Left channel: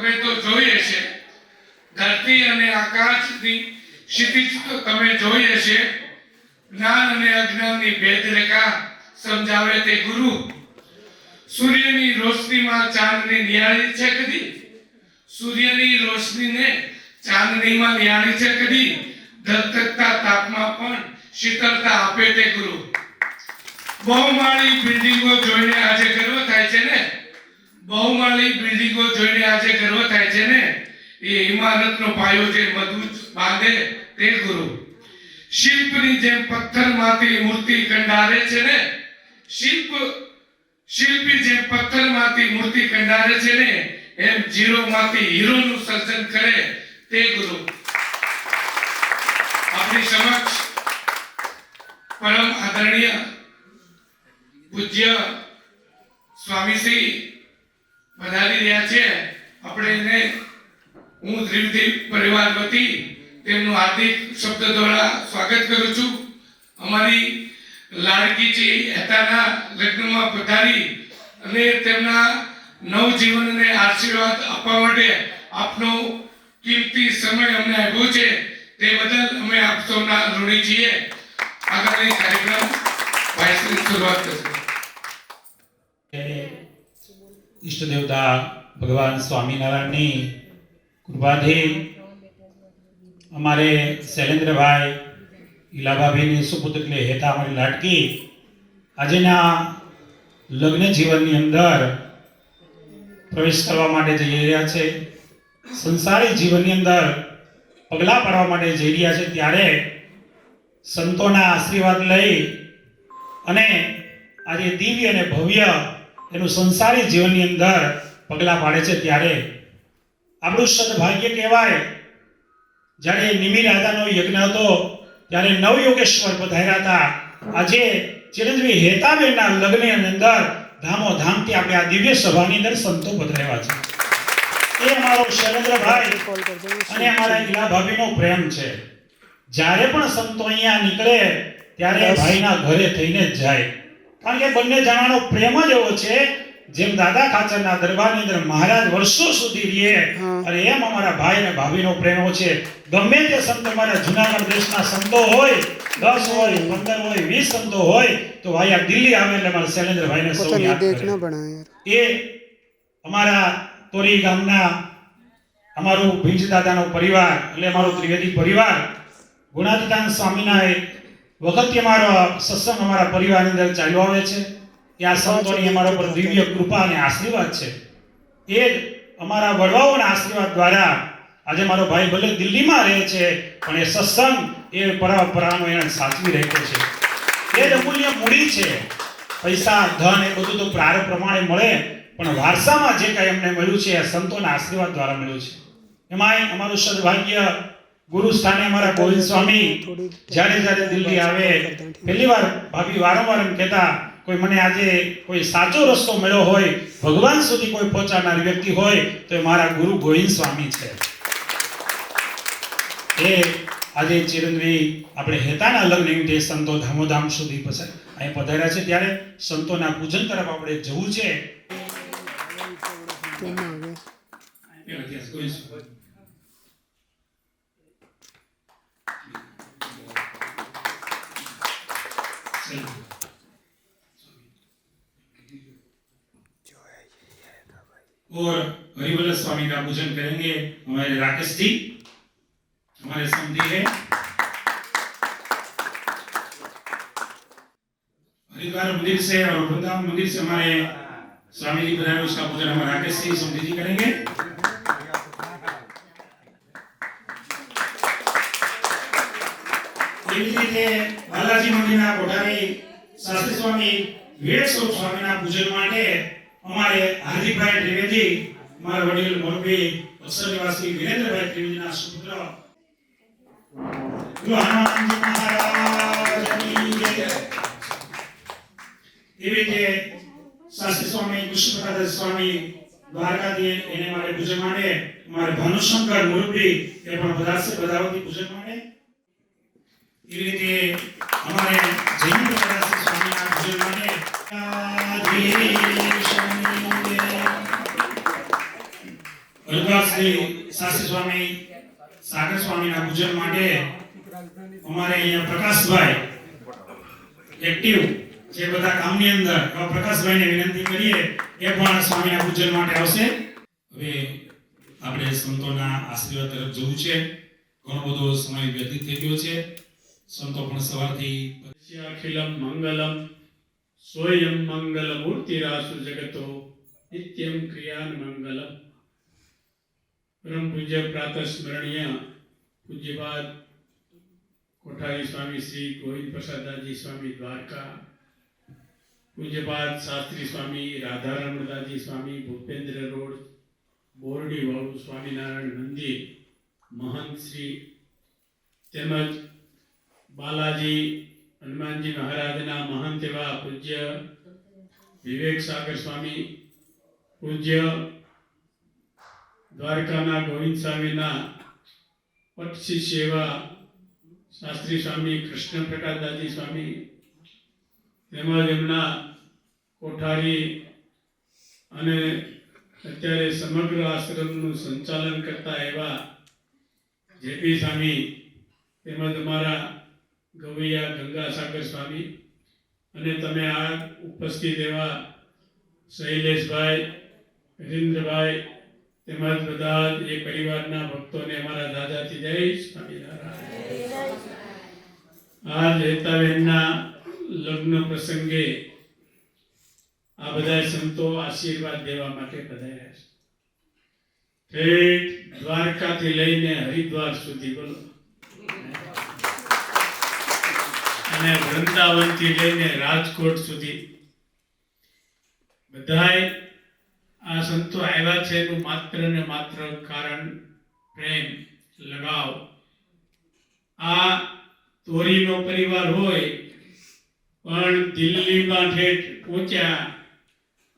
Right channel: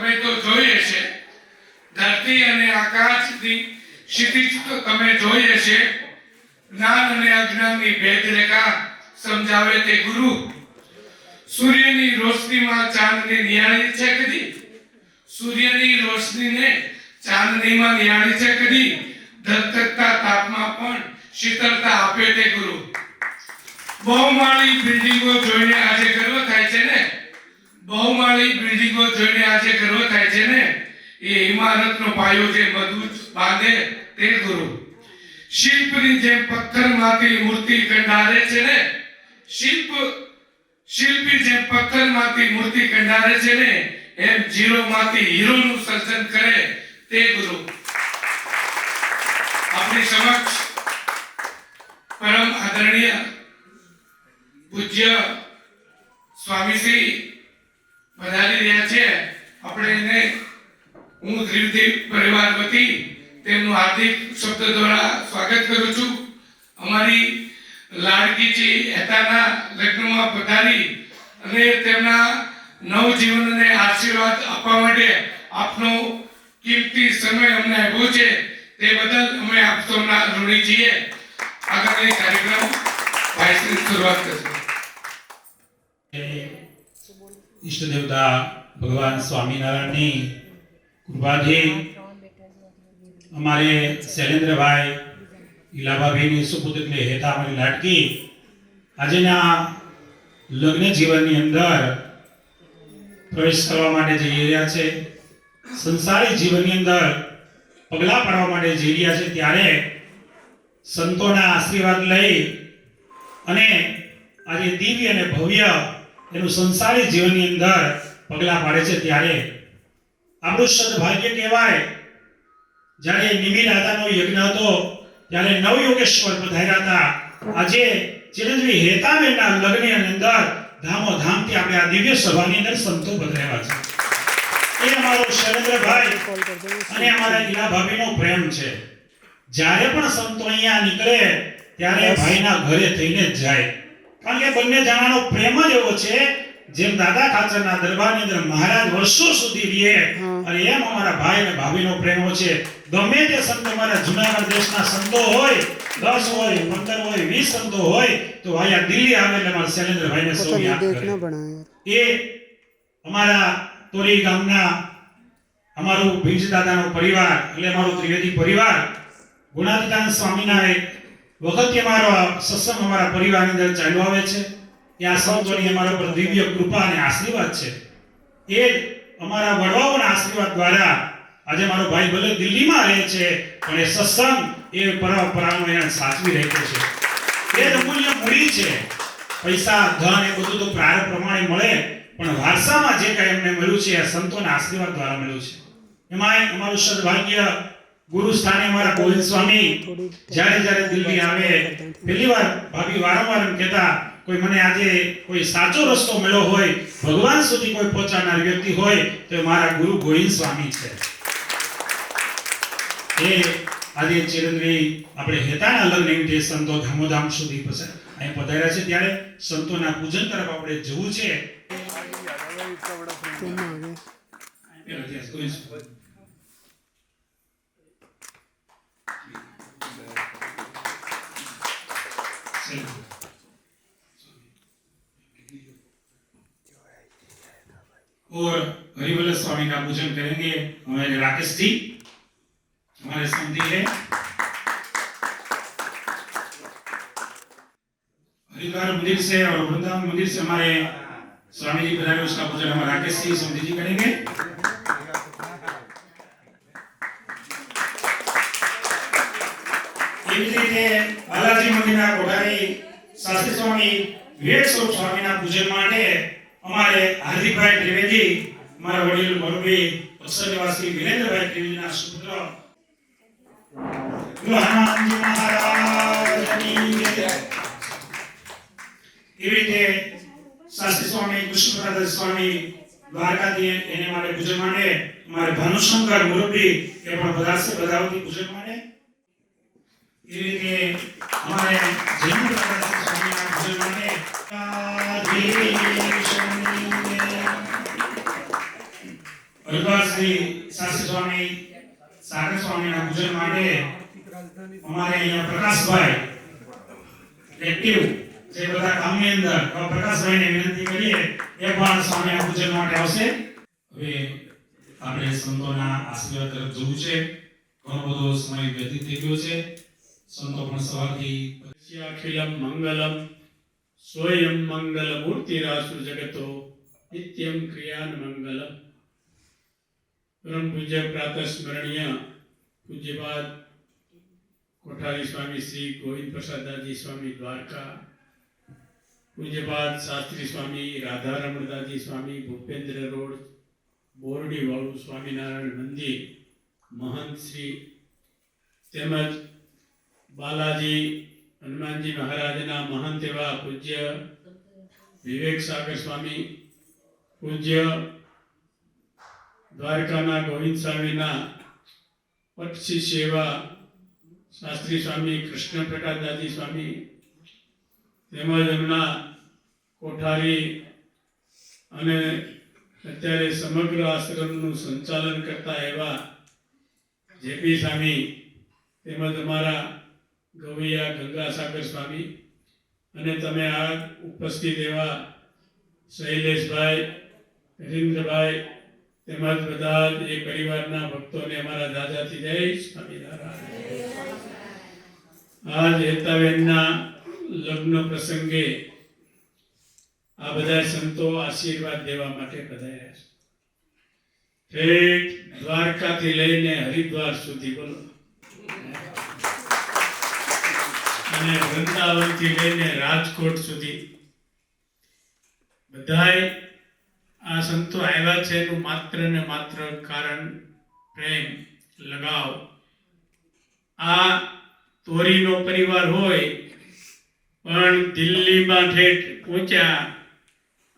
તમે તો જોઈ હશે, ધરતી અને આકાશની ક્ષિતિજ તો તમે જોઈ હશે, જ્ઞાન અને અજ્ઞાનની ભેદરેખા સમજાવે તે ગુરુ. સૂર્યની રોશનીમાં ચાંદની નિહાળી છે કદી? સૂર્યની રોશનીને ચાંદનીમાં નિહાળી છે કદી? ધગધગતા તાપમાં પણ શીતળતા આપે તે ગુરુ. બહુમાળી બિલ્ડિંગો જોઈને આજે ગર્વ થાય છે ને? બહુમાળી બિલ્ડિંગો જોઈને આજે ગર્વ થાય છે ને? એ ઇમારતનો પાયો જે મજબૂત બાંધે તે ગુરુ. શિલ્પની જેમ પથ્થરમાંથી મૂર્તિ કંડારે છે ને? શિલ્પી જેમ પથ્થરમાંથી મૂર્તિ કંડારે છે ને, એમ જીરોમાંથી હીરોનું સર્જન કરે તે ગુરુ. આપણી સમક્ષ પરમ આદરણીય પૂજ્ય સ્વામીશ્રી પધારી રહ્યા છે. આપણે એને હું ત્રિવેદી પરિવાર વતી તેમનું હાર્દિક શબ્દ દ્વારા સ્વાગત કરું છું. અમારી લાડકીજી હેતાના લગ્નમાં પધારી અને તેમના નવજીવનને આશીર્વાદ આપવા માટે આપનો કિંમતી સમય અમને આપ્યો છે, તે બદલ અમે આપ સૌના ઋણી છીએ. આગળની કાર્યક્રમ ભાઈશ્રી શરૂઆત કરશે. ઈષ્ટ દેવતા ભગવાન સ્વામિનારાયણની કૃપાથી અમારે શૈલેન્દ્રભાઈ ઈલાભાભીની સુપુત્રી હેતા અમારી લાડકી આજના લગ્ન જીવનની અંદર પ્રવેશ કરવા માટે જઈ રહ્યા છે, સંસારી જીવનની અંદર પગલાં પાડવા માટે જઈ રહ્યા છે. ત્યારે સંતોના આશીર્વાદ લઈ અને આજે દિવ્ય અને ભવ્ય એનું સંસારી જીવનની અંદર પગલાં પાડે છે. ત્યારે આપણું સદભાગ્ય કહેવાય. જ્યારે નિમિ રાધાનો યજ્ઞ હતો ત્યારે નવયોગેશ્વર પધાર્યા હતા. આજે ચિરંજીવી હેતાબેનના લગ્નની અંદર ધામોધામથી આપણે આ દિવ્ય સભાની અંદર સંતો પધાર્યા છે. એ અમારો શૈલેન્દ્રભાઈ અને અમારા ઈલાભાભીનો પ્રેમ છે. જ્યારે પણ સંતો અહીંયા નીકળે ત્યારે ભાઈના ઘરે થઈને જ જાય, કારણ કે બંને જણાનો પ્રેમ જ એવો છે જેમ દાદા ખાચરના દરબારની અંદર મહારાજ વર્ષો સુધી રહે અને એમ અમારા ભાઈ અને ભાભીનો પ્રેમ છે. ગમે તે સંતો અમારા જૂનાગઢ દેશના સંતો હોય, 10 હોય, 15 હોય, 20 સંતો હોય, તો અહીંયા દિલ્હી આવે એટલે અમારા શૈલેન્દ્રભાઈને સૌ યાદ કરે. એ અમારા તોરી ગામના અમારું ભીંજ દાદાનો પરિવાર એટલે અમારો ત્રિવેદી પરિવાર ગુણાતીતાનંદ સ્વામીના વખતથી અમારો સત્સંગ અમારા પરિવારની અંદર ચાલ્યો આવે છે. ત્યાં સંતોની અમારા પર દિવ્ય કૃપા અને આશીર્વાદ છે. એ જ અમારા વડવાઓના આશીર્વાદ દ્વારા આજે મારો ભાઈ ભલે દિલ્હીમાં રહે છે પણ એ સત્સંગ એ પરંપરાનો એને સાચવી રહ્યો છે. એ જ અમૂલ્ય મૂડી છે. પૈસા ધન એ બધું તો પ્રારંભ પ્રમાણે મળે, પણ વારસામાં જે કંઈ અમને મળ્યું છે એ સંતોના આશીર્વાદ દ્વારા મળ્યું છે. એમાંય અમારું સદભાગ્ય ગુરુ સ્થાને અમારા ગોવિંદ સ્વામી જ્યારે દિલ્હી આવે પહેલી વાર ભાભી વારંવાર એમ કહેતા, કોઈ મને આજે કોઈ સાચો રસ્તો મળ્યો હોય, ભગવાન સુધી કોઈ પહોંચાડનાર વ્યક્તિ હોય તો એ મારા ગુરુ ગોવિંદ સ્વામી છે. એ આજે ચિરંજીવી આપણે હેતાના લગ્ન નિમિત્તે સંતો ધામોધામ સુધી અહીં પધાર્યા છે. ત્યારે સંતોના પૂજન તરફ આપણે જવું છે. और हरिवल्लभ स्वामी का पूजन करेंगे हमारे राकेश जी, हमारे समधी है। हरिद्वार मंदिर से और वृंदावन मंदिर से हमारे स्वामी जी पधारे, उसका पूजन हमारे राकेश जी समधी जी करेंगे। बालाजी मंदिर कोठारी शास्त्री स्वामी विवेक स्वरूप स्वामी पूजन माटे हमारे हार्दिक भाई त्रिवेदी, हमारा वडील मुरबी अक्षर निवासी वीरेंद्र भाई त्रिवेदी ना सुपुत्र हनुमान जी महाराज की जय। एवीते शास्त्री स्वामी कृष्णप्रसाद स्वामी द्वारकाधी एने माटे पूजन माटे हमारे भानुशंकर मुरबी ए पण पधारसे पधारती पूजन माटे। एवीते हमारे जयंत प्रकाश स्वामी ना पूजन माटे હરિદ્વાર શ્રી શાસ્ત્રી સ્વામી સાગર સ્વામીના પૂજન માટે અમારે અહીંયા પ્રકાશભાઈ એક્ટિવ જે બધા કામની અંદર એવા પ્રકાશભાઈને વિનંતી કરીએ એ પણ સ્વામીના પૂજન માટે આવશે. હવે આપણે સંતોના આશીર્વાદ તરફ જવું છે. ઘણો બધો સમય વ્યતીત થઈ ગયો છે. સંતો પણ સવારથી અખિલમ મંગલમ સ્વયં મંગલ મૂર્તિરાસુ જગતો નિત્યમ ક્રિયાન મંગલમ. પરમ પૂજ્ય પ્રાતઃ સ્મરણીય પૂજ્યપાદ કોઠારી સ્વામી શ્રી ગોવિંદ પ્રસાદદાસજી સ્વામી દ્વારકા, પૂજ્યપાદ શાસ્ત્રી સ્વામી રાધારમણદાસજી સ્વામી ભૂપેન્દ્ર રોડ બોરડી વાળું સ્વામિનારાયણ મંદિર મહંત શ્રી તેમજ બાલાજી હનુમાનજી મહારાજના મહંત એવા પૂજ્ય વિવેક સાગર સ્વામી, પૂજ્ય દ્વારકાના ગોવિંદ સ્વામીના પટશી સેવા શાસ્ત્રી સ્વામી કૃષ્ણ પ્રકાશદાસજી સ્વામી, તેમજ એમના કોઠારી અને અત્યારે સમગ્ર આશ્રમનું સંચાલન કરતા એવા જેપી સ્વામી, તેમજ અમારા ગવૈયા ગંગાસાગર સ્વામી અને તમે આ ઉપસ્થિત એવા શૈલેષભાઈ, હરીન્દ્રભાઈ તેમજ બધા જ એ પરિવારના ભક્તોને અમારા દાદાથી જય સ્વામિનારાયણ. આજ હેતાબેનના લગ્ન પ્રસંગે આ બધા સંતો આશીર્વાદ દેવા માટે પધાર્યા છે. ઠેઠ દ્વારકાથી લઈને હરિદ્વાર સુધી બોલો, અને વૃંદાવનથી લઈને રાજકોટ સુધી બધાય આ સંતો આવ્યા છે. એનું માત્ર ને માત્ર કારણ પ્રેમ, લગાવ. આ તોરીનો પરિવાર હોય પણ દિલ્હીમાં ઠેઠ પહોંચ્યા.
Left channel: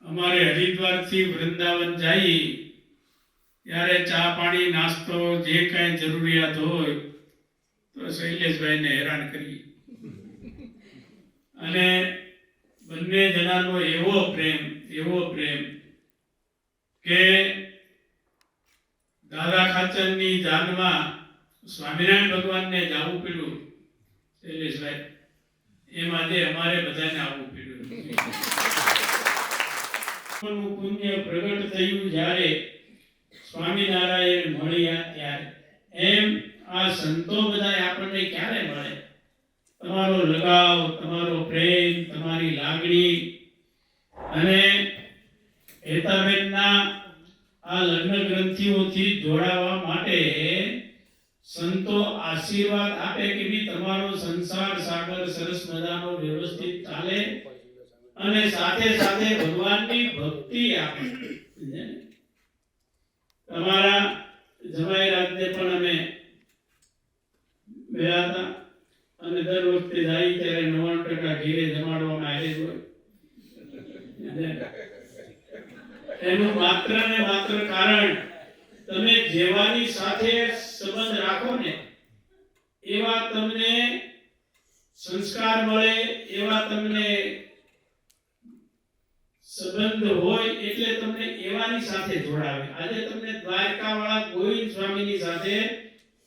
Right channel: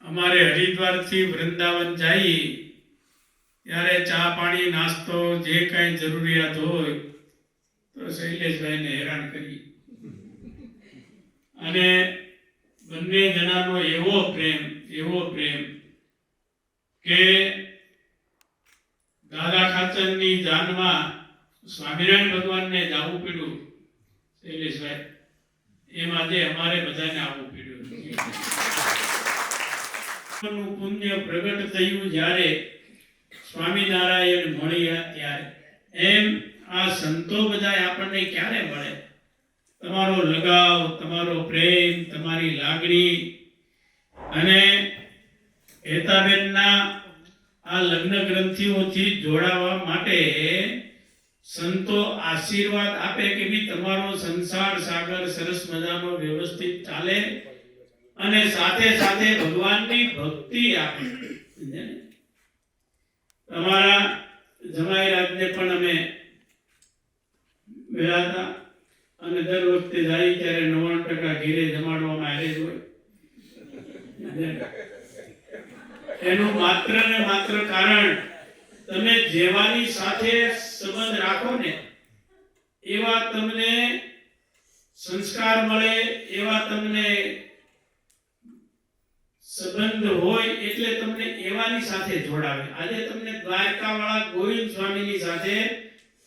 અમારે હરિદ્વારથી વૃંદાવન જઈ ત્યારે ચા પાણી નાસ્તો જે કાંઈ જરૂરિયાત હોય તો શૈલેષભાઈને હેરાન કરી. અને બંને જણાનો એવો પ્રેમ કે દાદા ખાચરની જાનમાં સ્વામિનારાયણ ભગવાનને જવું પડ્યું શૈલેષભાઈ, એમ આજે અમારે બધાને આવવું પડ્યું. પુણ્ય પ્રગટ થયું જ્યારે સ્વામિનારાયણ મળ્યા ત્યારે. એમ આ સંતો બધા આપણને ક્યારે મળે? તમારો લગાવ, તમારો પ્રેમ, તમારી લાગણી. અને હેતાબેનના આ લગ્ન ગ્રંથિઓથી જોડાવા માટે સંતો આશીર્વાદ આપે કે ભી તમારો સંસાર સાગર સરસ મજાનો વ્યવસ્થિત ચાલે અને સાથે સાથે ભગવાનની ભક્તિ આપે. તમારા જમાઈરાજને પણ અમે મળ્યા હતા અને દર વખતે જાય ત્યારે 99% ઘેરે જમાડવામાં આવે જ હોય. એનું માત્ર ને માત્ર કારણ તમે જેવાની સાથે સંબંધ રાખો ને એવા તમને સંસ્કાર મળે, એવા તમને સંબંધ હોય એટલે તમને એવાની સાથે જોડાવે. આજે તમને દ્વારકા વાળા ગોવિંદ સ્વામીની સાથે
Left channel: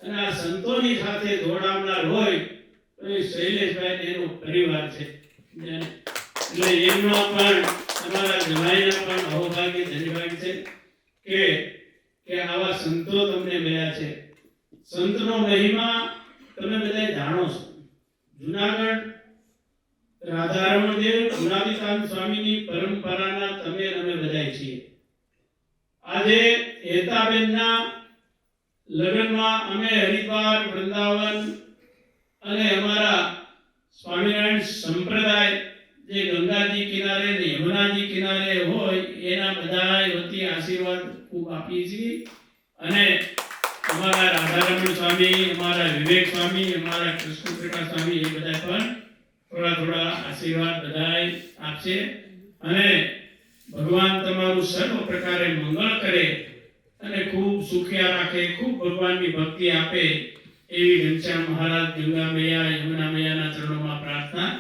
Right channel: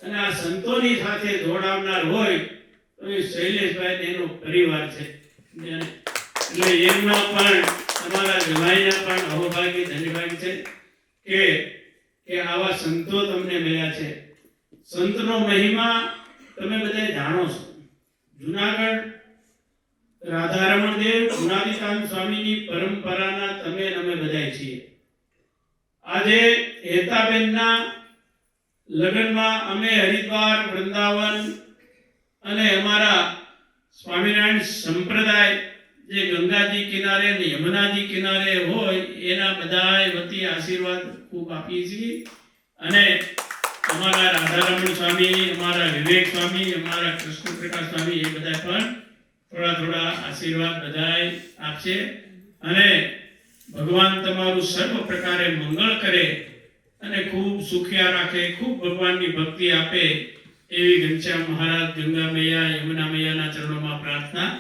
અને આ સંતોની સાથે જોડાવનાર હોય તો શૈલેષભાઈ એનો પરિવાર છે. એટલે એમાં પણ તમારા જમાઈના પણ અહોભાગ્ય ધન્યભાગ્ય છે કે આવા સંતો તમને મળ્યા છે. સંતનો મહિમા તમે બધા જાણો છો. જુનાગઢ રાધારમણદેવ ગુણાતીતાન સ્વામીની પરંપરાના તમે અમે બધા છીએ. આજે હેતાબેનના લગ્નમાં અમે હરિદ્વાર, વૃંદાવન અને અમારા સ્વામિનારાયણ સંપ્રદાય જે ગંગાજી કિનારે ને યમુનાજી કિનારે હોય એના બધાય વતી આશીર્વાદ ખૂબ આપીએ છીએ. અને અમારા રાધારમણ સ્વામી, અમારા વિવેક સ્વામી, અમારા કૃષ્ણ પ્રકાશ સ્વામી એ બધા પણ થોડા આશીર્વાદ બધાય આપશે. અને ભગવાન તમારું સર્વ પ્રકારે મંગળ કરે અને ખૂબ સુખિયા રાખે, ખૂબ ભગવાનની ભક્તિ આપે એવી ઘનશ્યામ મહારાજ, ગંગા મૈયા, યમુના મૈયાના ચરણોમાં પ્રાર્થના.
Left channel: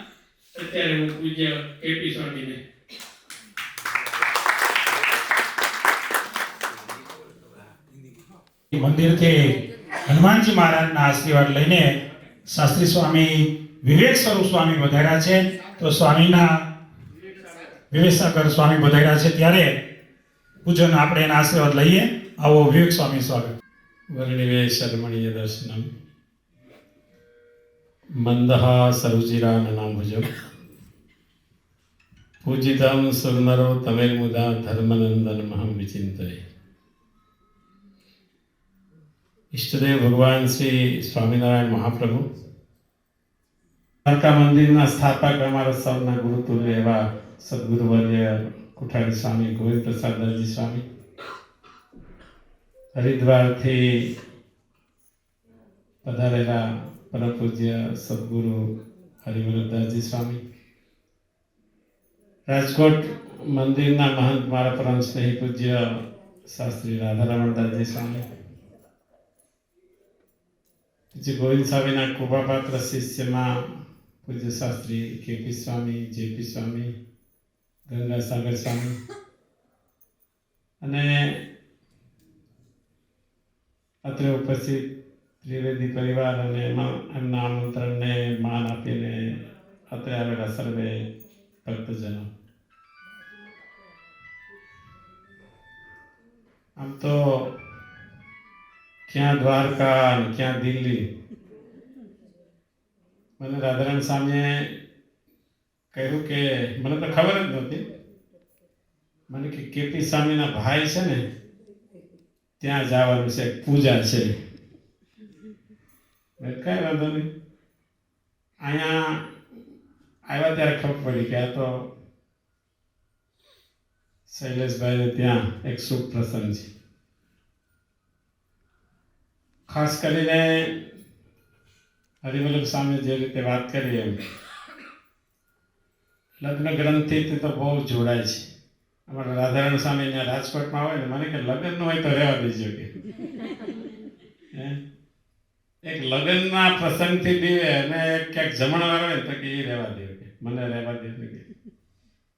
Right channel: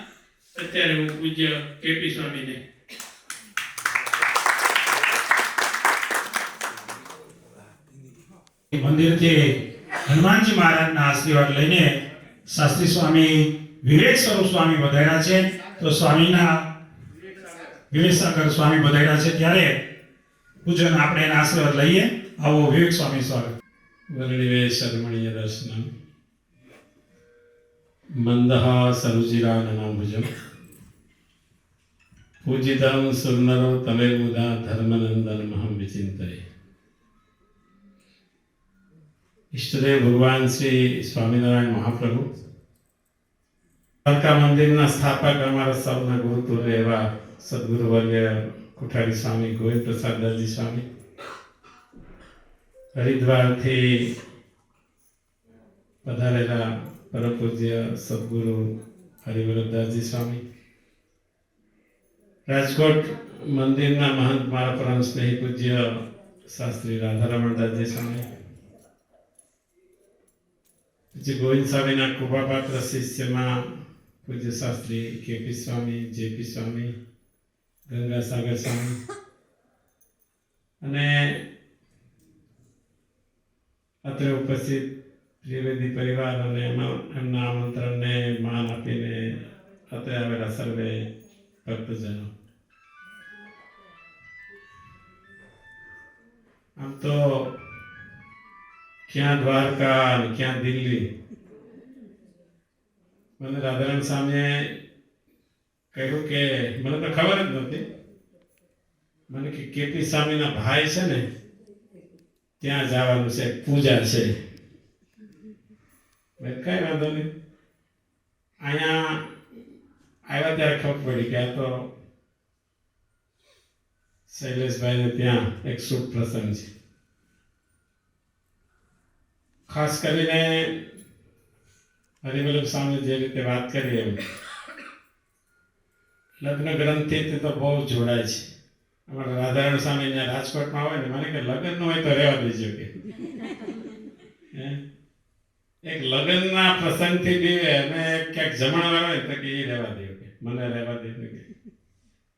અત્યારે હું પૂજ્ય કેપી સ્વામીને મંદિરથી હનુમાનજી મહારાજના આશીર્વાદ લઈને શાસ્ત્રી સ્વામી વિવેક સ્વરૂપ સ્વામી વધાર્યા છે. તો સ્વામીના વિવેકસાગર સ્વામી વધાર્યા છે ત્યારે પૂજન આપણે એના આશીર્વાદ લઈએ. આવો વિવેક સ્વામી સ્વાગત. વર્ણિવે શર્મણીય દર્શનમ મંદઃ સરુચિરાનનાભુજમ પૂજિતમ સુરનરો તમેર્મુદા ધર્મનંદનમહં વિચિંતયે. ઈષ્ટદેવ ભગવાન શ્રી સ્વામિનારાયણ મહાપ્રભુ દ્વારકા મંદિરના સ્થાપક અમારા સૌના ગુરુતુલ્ય એવા સદગુરુવર્ય કોઠારી સ્વામી ગોવિંદ પ્રસાદ દરજી સ્વામી, હરિદ્વારથી પધારેલા પરમ પૂજ્ય સદગુરુ હરિવલ્લભદાસજી સ્વામી, રાજકોટ મંદિરના મહંત મારા પરમ સ્નેહી પૂજ્ય શાસ્ત્રી રાધારમણદાસજી સ્વામી, પૂજ્ય ગોવિંદ સ્વામીના કૃપાપાત્ર શિષ્યમાં પૂજ્ય શાસ્ત્રી કેપી સ્વામી, જેપી સ્વામી, ગંગાસાગર સ્વામી અને અત્રે ઉપસ્થિત ત્રિવેદી પરિવાર અને એમના આમંત્રણને માન આપીને અત્રે આવેલા સર્વે ભક્તજનો. આમ તો ક્યાં દ્વારકા અને ક્યાં દિલ્હી, મને રાધારામ સ્વામીએ કહ્યું કે મને તો ખબર જ નહોતી, મને કે કેપી સ્વામીના ભાઈ છે ને ત્યાં જવાનું છે, પૂજા છે. કઈ વાંધો નહીં. અહીંયા આવ્યા ત્યારે ખબર પડી કે આ તો શૈલેષભાઈને ત્યાં એક શુભ પ્રસંગ છે. ખાસ કરીને હરિવલ્લભ સ્વામી જે રીતે વાત કરી એમ લગ્ન ગ્રંથિથી તો બહુ જોડાય છે. અમારા રાધારામ સ્વામી ત્યાં રાજકોટમાં હોય ને મને કે લગ્ન હોય તો રહેવા દેજો કે એક લગ્નના પ્રસંગથી બી અમે ક્યાંક જમણવાર હોય તો કે એ રહેવા દે કે મને રહેવા દે કે.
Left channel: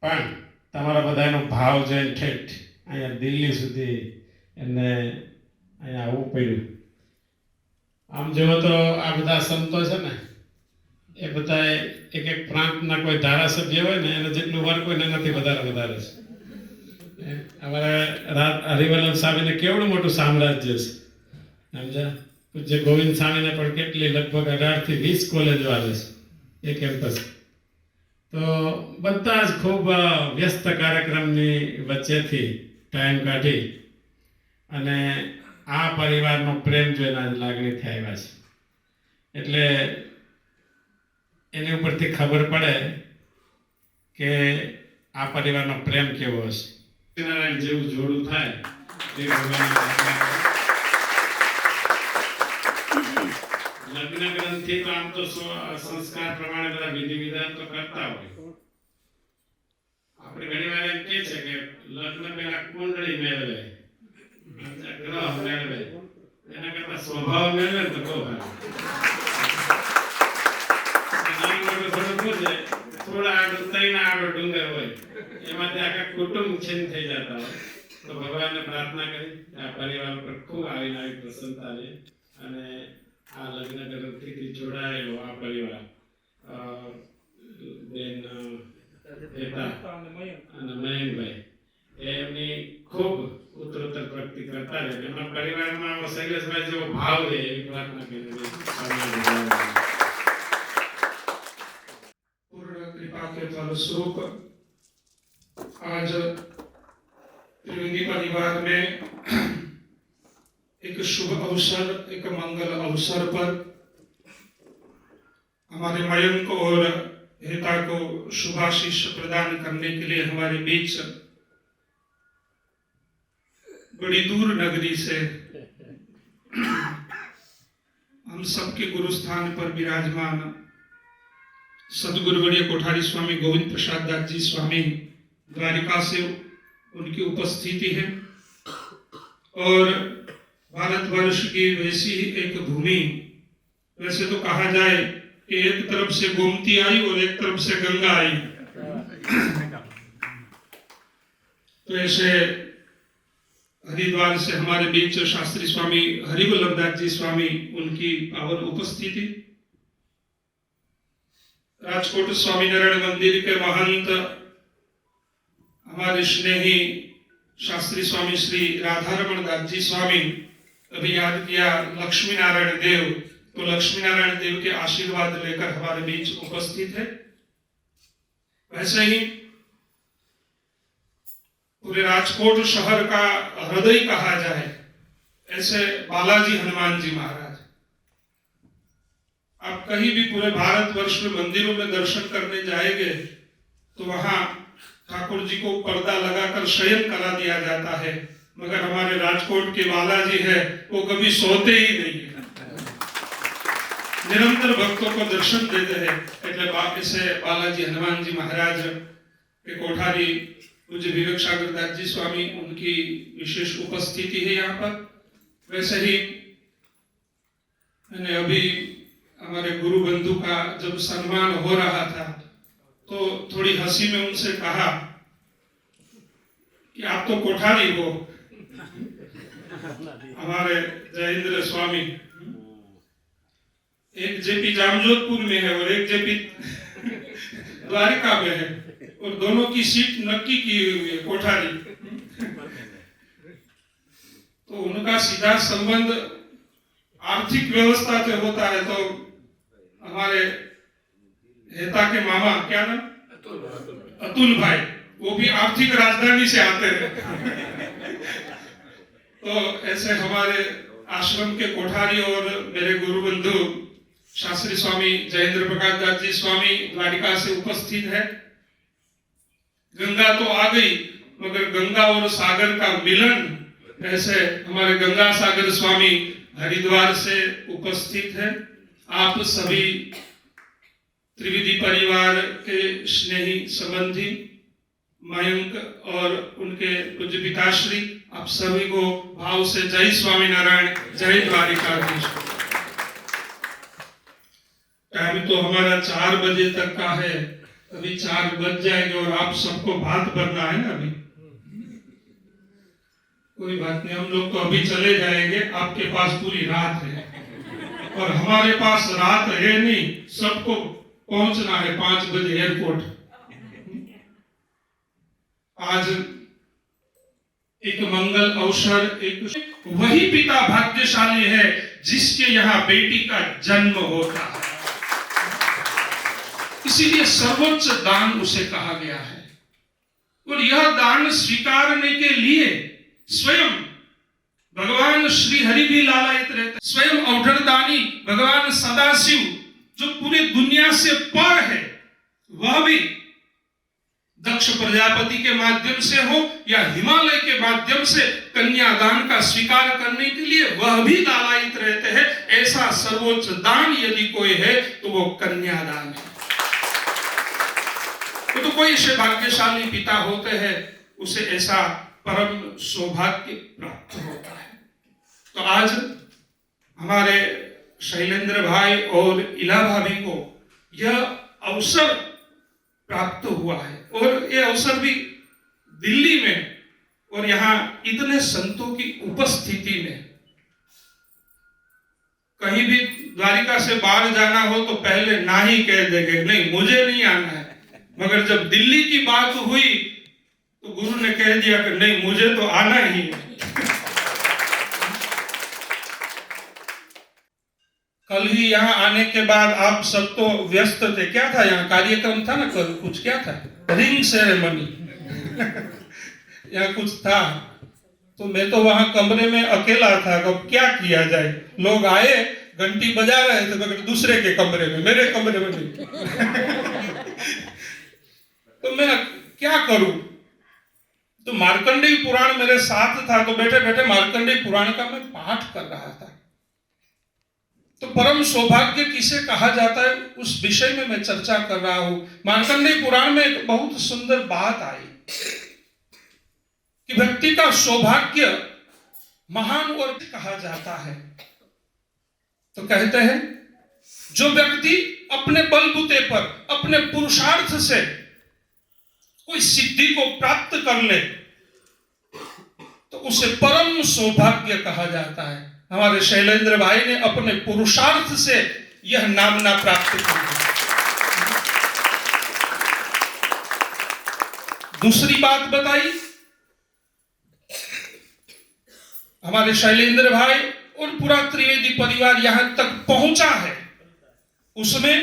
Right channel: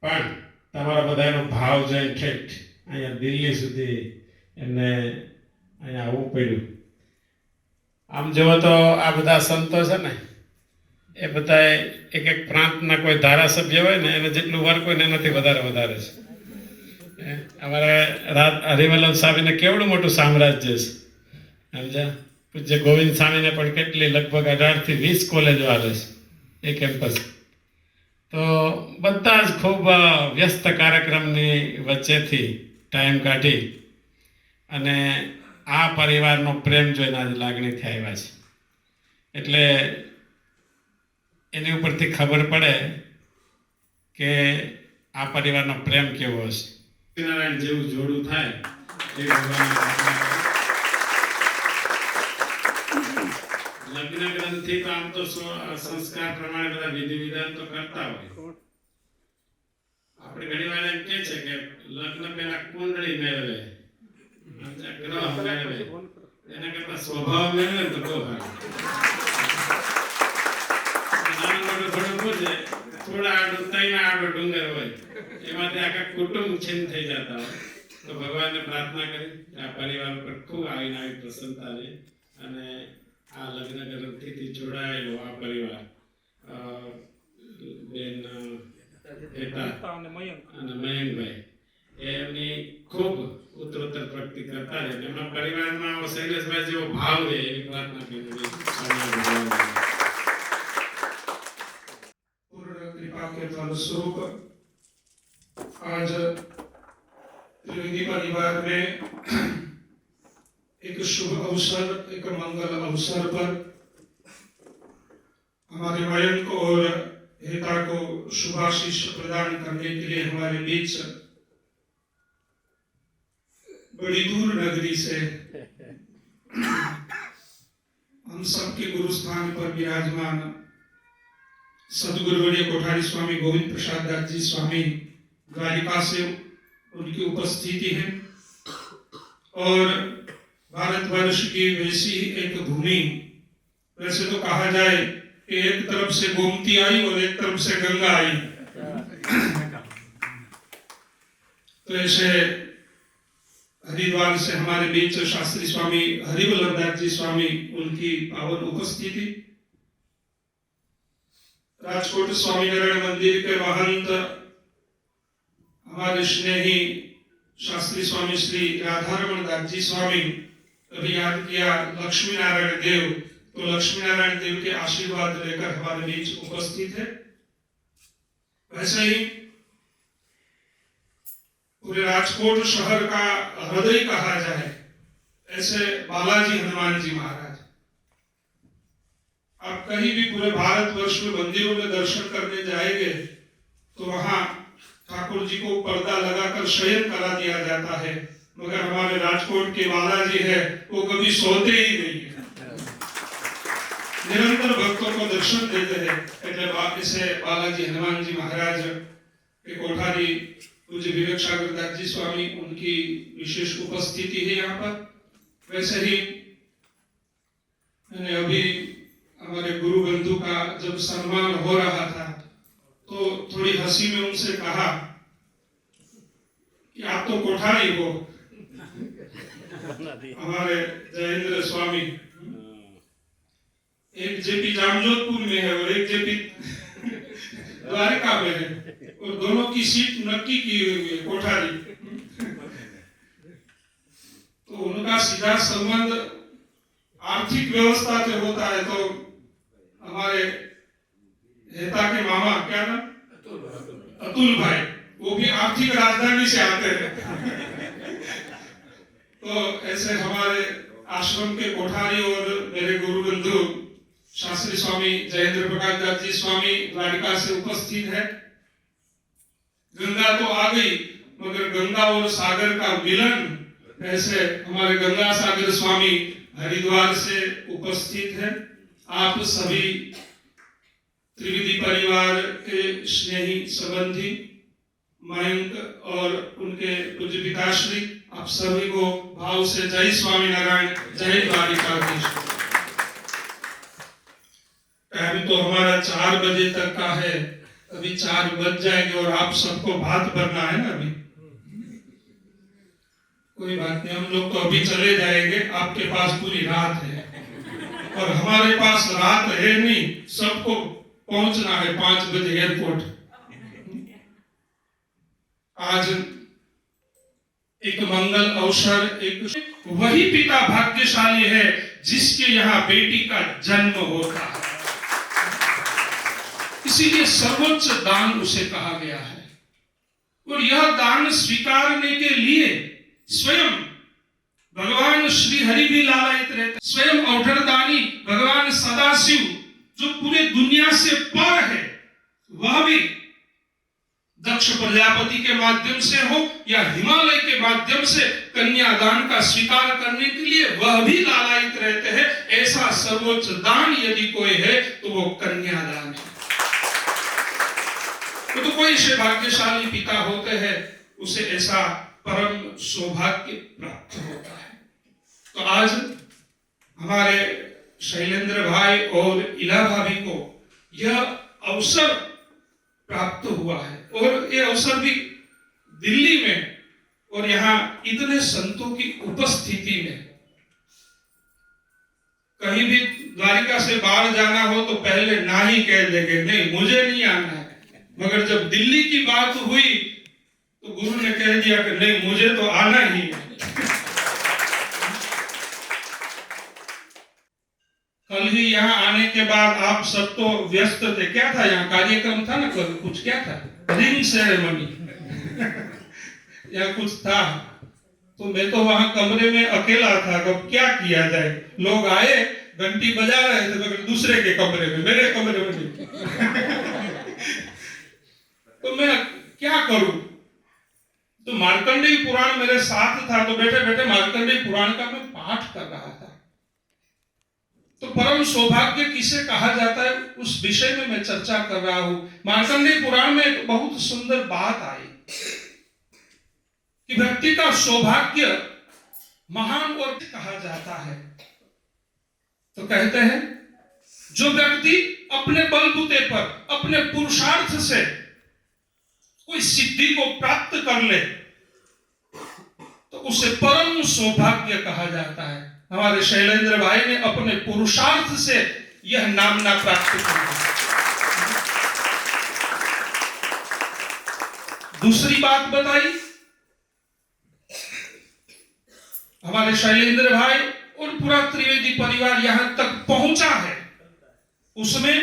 પણ તમારા બધાનો ભાવ જોઈને ઠેઠ અહીંયા દિલ્હી સુધી એમને અહીંયા આવવું પડ્યું. આમ જોવો તો આ બધા સંતો છે ને એ બધા એક એક પ્રાંતના કોઈ ધારાસભ્ય હોય ને એને જેટલું વર્ક હોય ને એનાથી વધારે છે. અમારા હરિવલ્લભ સ્વામીને કેવડું મોટું સામ્રાજ્ય છે સમજ્યા. પૂજ્ય ગોવિંદ સ્વામીને પણ કેટલી લગભગ 18 થી 20 કોલેજો આવે છે એ કેમ્પસ. તો બધા જ ખૂબ વ્યસ્ત કાર્યક્રમની વચ્ચેથી ટાઈમ કાઢી અને આ પરિવારનો પ્રેમ જોઈને આજે લાગણીથી આવ્યા છે. એટલે એની ઉપરથી ખબર પડે કે આ પરિવારનો પ્રેમ કેવો હશે. નારાયણ જેવું જોડું થાય એ લગ્ન ગ્રંથિ તો આમ તો સંસ્કાર પ્રમાણે બધા વિધિ વિધાન તો કરતા હોય. આપણે ઘણી વાર એમ કે છે કે લગ્ન પહેલા કુંડળી મેળવે, ગ્રહ મેળવે, એના કરતા સ્વભાવ મેળવે તો બહુ સારું. નાનું મોટું થોડું પૂછે, થોડા આડો તૈના આડો ડુંગર હોય એમાંથી આખા કુટુંબ છીન થઈ જતા હોય. તો ભગવાનને પ્રાર્થના કરી આ પરિવાર ઉપર ખૂબ આવીને આવી પ્રસન્નતા રહે અને આ લગ્ન ગ્રંથિથી જોડાયેલો આ પરિવાર બેન હેતા અને મયંકભાઈ એમની ખૂબ ઉત્તરોત્તર પ્રગતિ કરતા રહે. એમના પરિવારમાં શૈલેષભાઈ જેવો ભાવ રહે એવી પ્રાર્થના કરી. पूर्ण कृपा के फलस्वरूप आज त्रिवेदी परिवार में एक शुभ अवसर, एक मंगल अवसर पर हमारे मयंक और हेता को शुभाशीष प्रदान करने के लिए हमारे बीच बड़ी दूर नगरी से हम सबके गुरु स्थान पर विराजमान सदगुरुवर्य कोठारी स्वामी गोविंद प्रसाद दास जी स्वामी द्वारिका से उनकी उपस्थिति है. और भारतवर्ष की वैसी एक भूमि, वैसे तो कहा जाए कि एक तरफ से गोमती आई और एक तरफ से गंगा आई, तो ऐसे हरिद्वार से हमारे बीच शास्त्री स्वामी हरिवल्लभदास जी स्वामी, उनकी पावन उपस्थिति, राजकोट स्वामीनारायण मंदिर के महंत हमारे स्नेही शास्त्री स्वामी श्री राधारमण दास जी स्वामी, अभी याद किया लक्ष्मी नारायण देव, तो लक्ष्मी नारायण देव के आशीर्वाद लेकर हमारे बीच उपस्थित है। वैसे ही पूरे राजकोट शहर का हृदय कहा जाए ऐसे बालाजी हनुमान जी महाराज, आप कहीं भी पूरे भारतवर्ष में मंदिरों में दर्शन करने जाएंगे तो वहां ठाकुर जी को पर्दा लगाकर शयन करा दिया जाता है, मगर हमारे राजकोट के बालाजी है वो कभी सोते ही नहीं है, निरंतर भक्तों को दर्शन देते हैं। ऐसे बालाजी हनुमान जी महाराज के कोठारी पूज्य विवेक सागर दास जी स्वामी, उनकी विशेष उपस्थिति है यहाँ पर। वैसे ही मैंने अभी हमारे गुरु बंधु का जब सम्मान हो रहा था तो थोड़ी हंसी में उनसे कहा कि आप तो कोठारी हो, हमारे जयेंद्र स्वामी एक जेपी जामजोधपुर में है और एक जेपी द्वारका में है, और दोनों की सीट नक्की की हुई है कोठारी, तो उनका सीधा संबंध आर्थिक व्यवस्था से होता है। तो हमारे हेता के मामा, क्या नाम, अतुल भाई, वो भी आर्थिक राजधानी से आते हैं। तो ऐसे हमारे आश्रम के कोठारी और मेरे गुरु बंधु शास्त्री स्वामी जयेंद्र प्रकाश दास जी स्वामी द्वारिका से उपस्थित है। गंगा तो आ गई, मगर गंगा और सागर का मिलन, ऐसे हमारे गंगा सागर स्वामी हरिद्वार से उपस्थित है। आप सभी त्रिवेदी परिवार के स्नेही संबंधी मयंक और उनके पूज्य पिताश्री, आप सभी को भाव से जय स्वामीनारायण, जय द्वारिकाधीश। टाइम तो हमारा 4 बजे तक का है, अभी 4 बज जाएंगे और आप सबको भात भरना है ना। अभी कोई बात नहीं, हम लोग तो अभी चले जाएंगे, आपके पास पूरी रात है और हमारे पास रात है नहीं, सबको पहुंचना है 5 बजे एयरपोर्ट। आज एक मंगल अवसर, एक वही पिता भाग्यशाली है जिसके यहाँ बेटी का जन्म होता है, इसीलिए सर्वोच्च दान उसे कहा गया है। और यह दान स्वीकारने के लिए स्वयं भगवान श्री हरि भी लालायित रहते, स्वयं अवधरदानी भगवान सदाशिव जो पूरे दुनिया से पर है, वह भी दक्ष प्रजापति के माध्यम से हो या हिमालय के माध्यम से कन्यादान का स्वीकार करने के लिए वह भी लालायित रहते हैं। ऐसा सर्वोच्च दान यदि कोई है तो वो कन्यादान है। तो कोई ऐसे भाग्यशाली पिता होते हैं, उसे ऐसा परम सौभाग्य प्राप्त होता है। तो आज हमारे शैलेंद्र भाई और इला भाभी को यह अवसर प्राप्त हुआ है, और यह अवसर भी दिल्ली में, और यहाँ इतने संतों की उपस्थिति में। कहीं भी द्वारिका से बाहर जाना हो तो पहले ना ही कह देंगे, नहीं मुझे नहीं आना है, मगर जब दिल्ली की बात हुई तो गुरु ने कह दिया कि नहीं मुझे तो आना ही है। कल ही यहाँ आने के बाद आप सब तो व्यस्त थे, क्या था यहाँ कार्यक्रम था ना, कल कुछ क्या था, रिंग सेरेमनी या कुछ था, तो मैं तो वहां कमरे में अकेला था। अब क्या किया जाए, लोग आए घंटी बजा रहे थे मगर दूसरे के कमरे में, मेरे कमरे में नहीं। तो मैं क्या करूं, तो मार्कंडेय पुराण मेरे साथ था, तो बैठे बैठे मार्कंडेय पुराण का मैं पाठ कर रहा था। तो परम सौभाग्य किसे कहा जाता है उस विषय में मैं चर्चा कर रहा हूं। मार्कंडेय पुराण में एक बहुत सुंदर बात आई कि व्यक्ति का सौभाग्य महान और कहा जाता है। तो कहते हैं जो व्यक्ति अपने बलबूते पर, अपने पुरुषार्थ से कोई सिद्धि को प्राप्त कर ले, तो तो उसे परम सौभाग्य कहा जाता है। हमारे शैलेंद्र भाई ने अपने पुरुषार्थ से यह नामना प्राप्त की। दूसरी बात बताई, हमारे शैलेंद्र भाई और पूरा त्रिवेदी परिवार यहां तक पहुंचा है, उसमें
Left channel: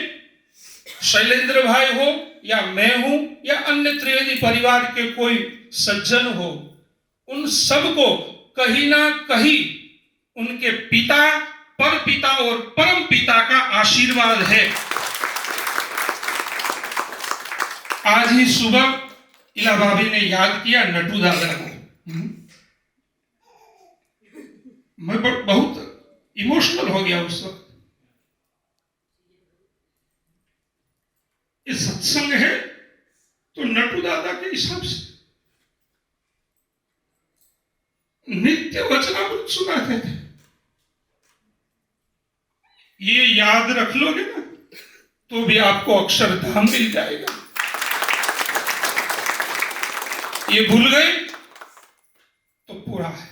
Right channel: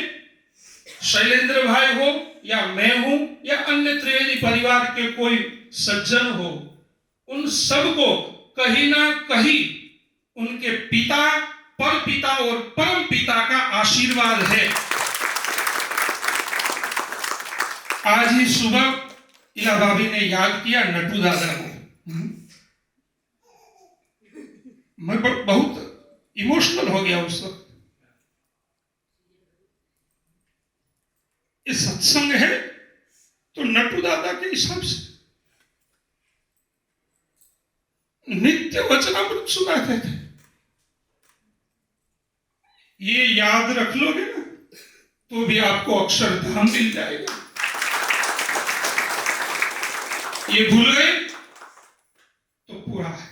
शैलेंद्र भाई हो या मैं हूं या अन्य त्रिवेदी परिवार के कोई सज्जन हो, उन सबको कहीं ना कहीं उनके पिता, पर पिता और परम पिता का आशीर्वाद है। आज ही सुबह इला भाभी ने याद किया नटू दादा को। मैं बहुत इमोशनल हो गया उस वक्त। ये सत्संग है तो नटू दादा के हिसाब से नित्य वचनामृत सुनाते थे। ये याद रख लोगे ना तो भी आपको अक्षरधाम मिल जाएगा। ये भूल गए तो पूरा है।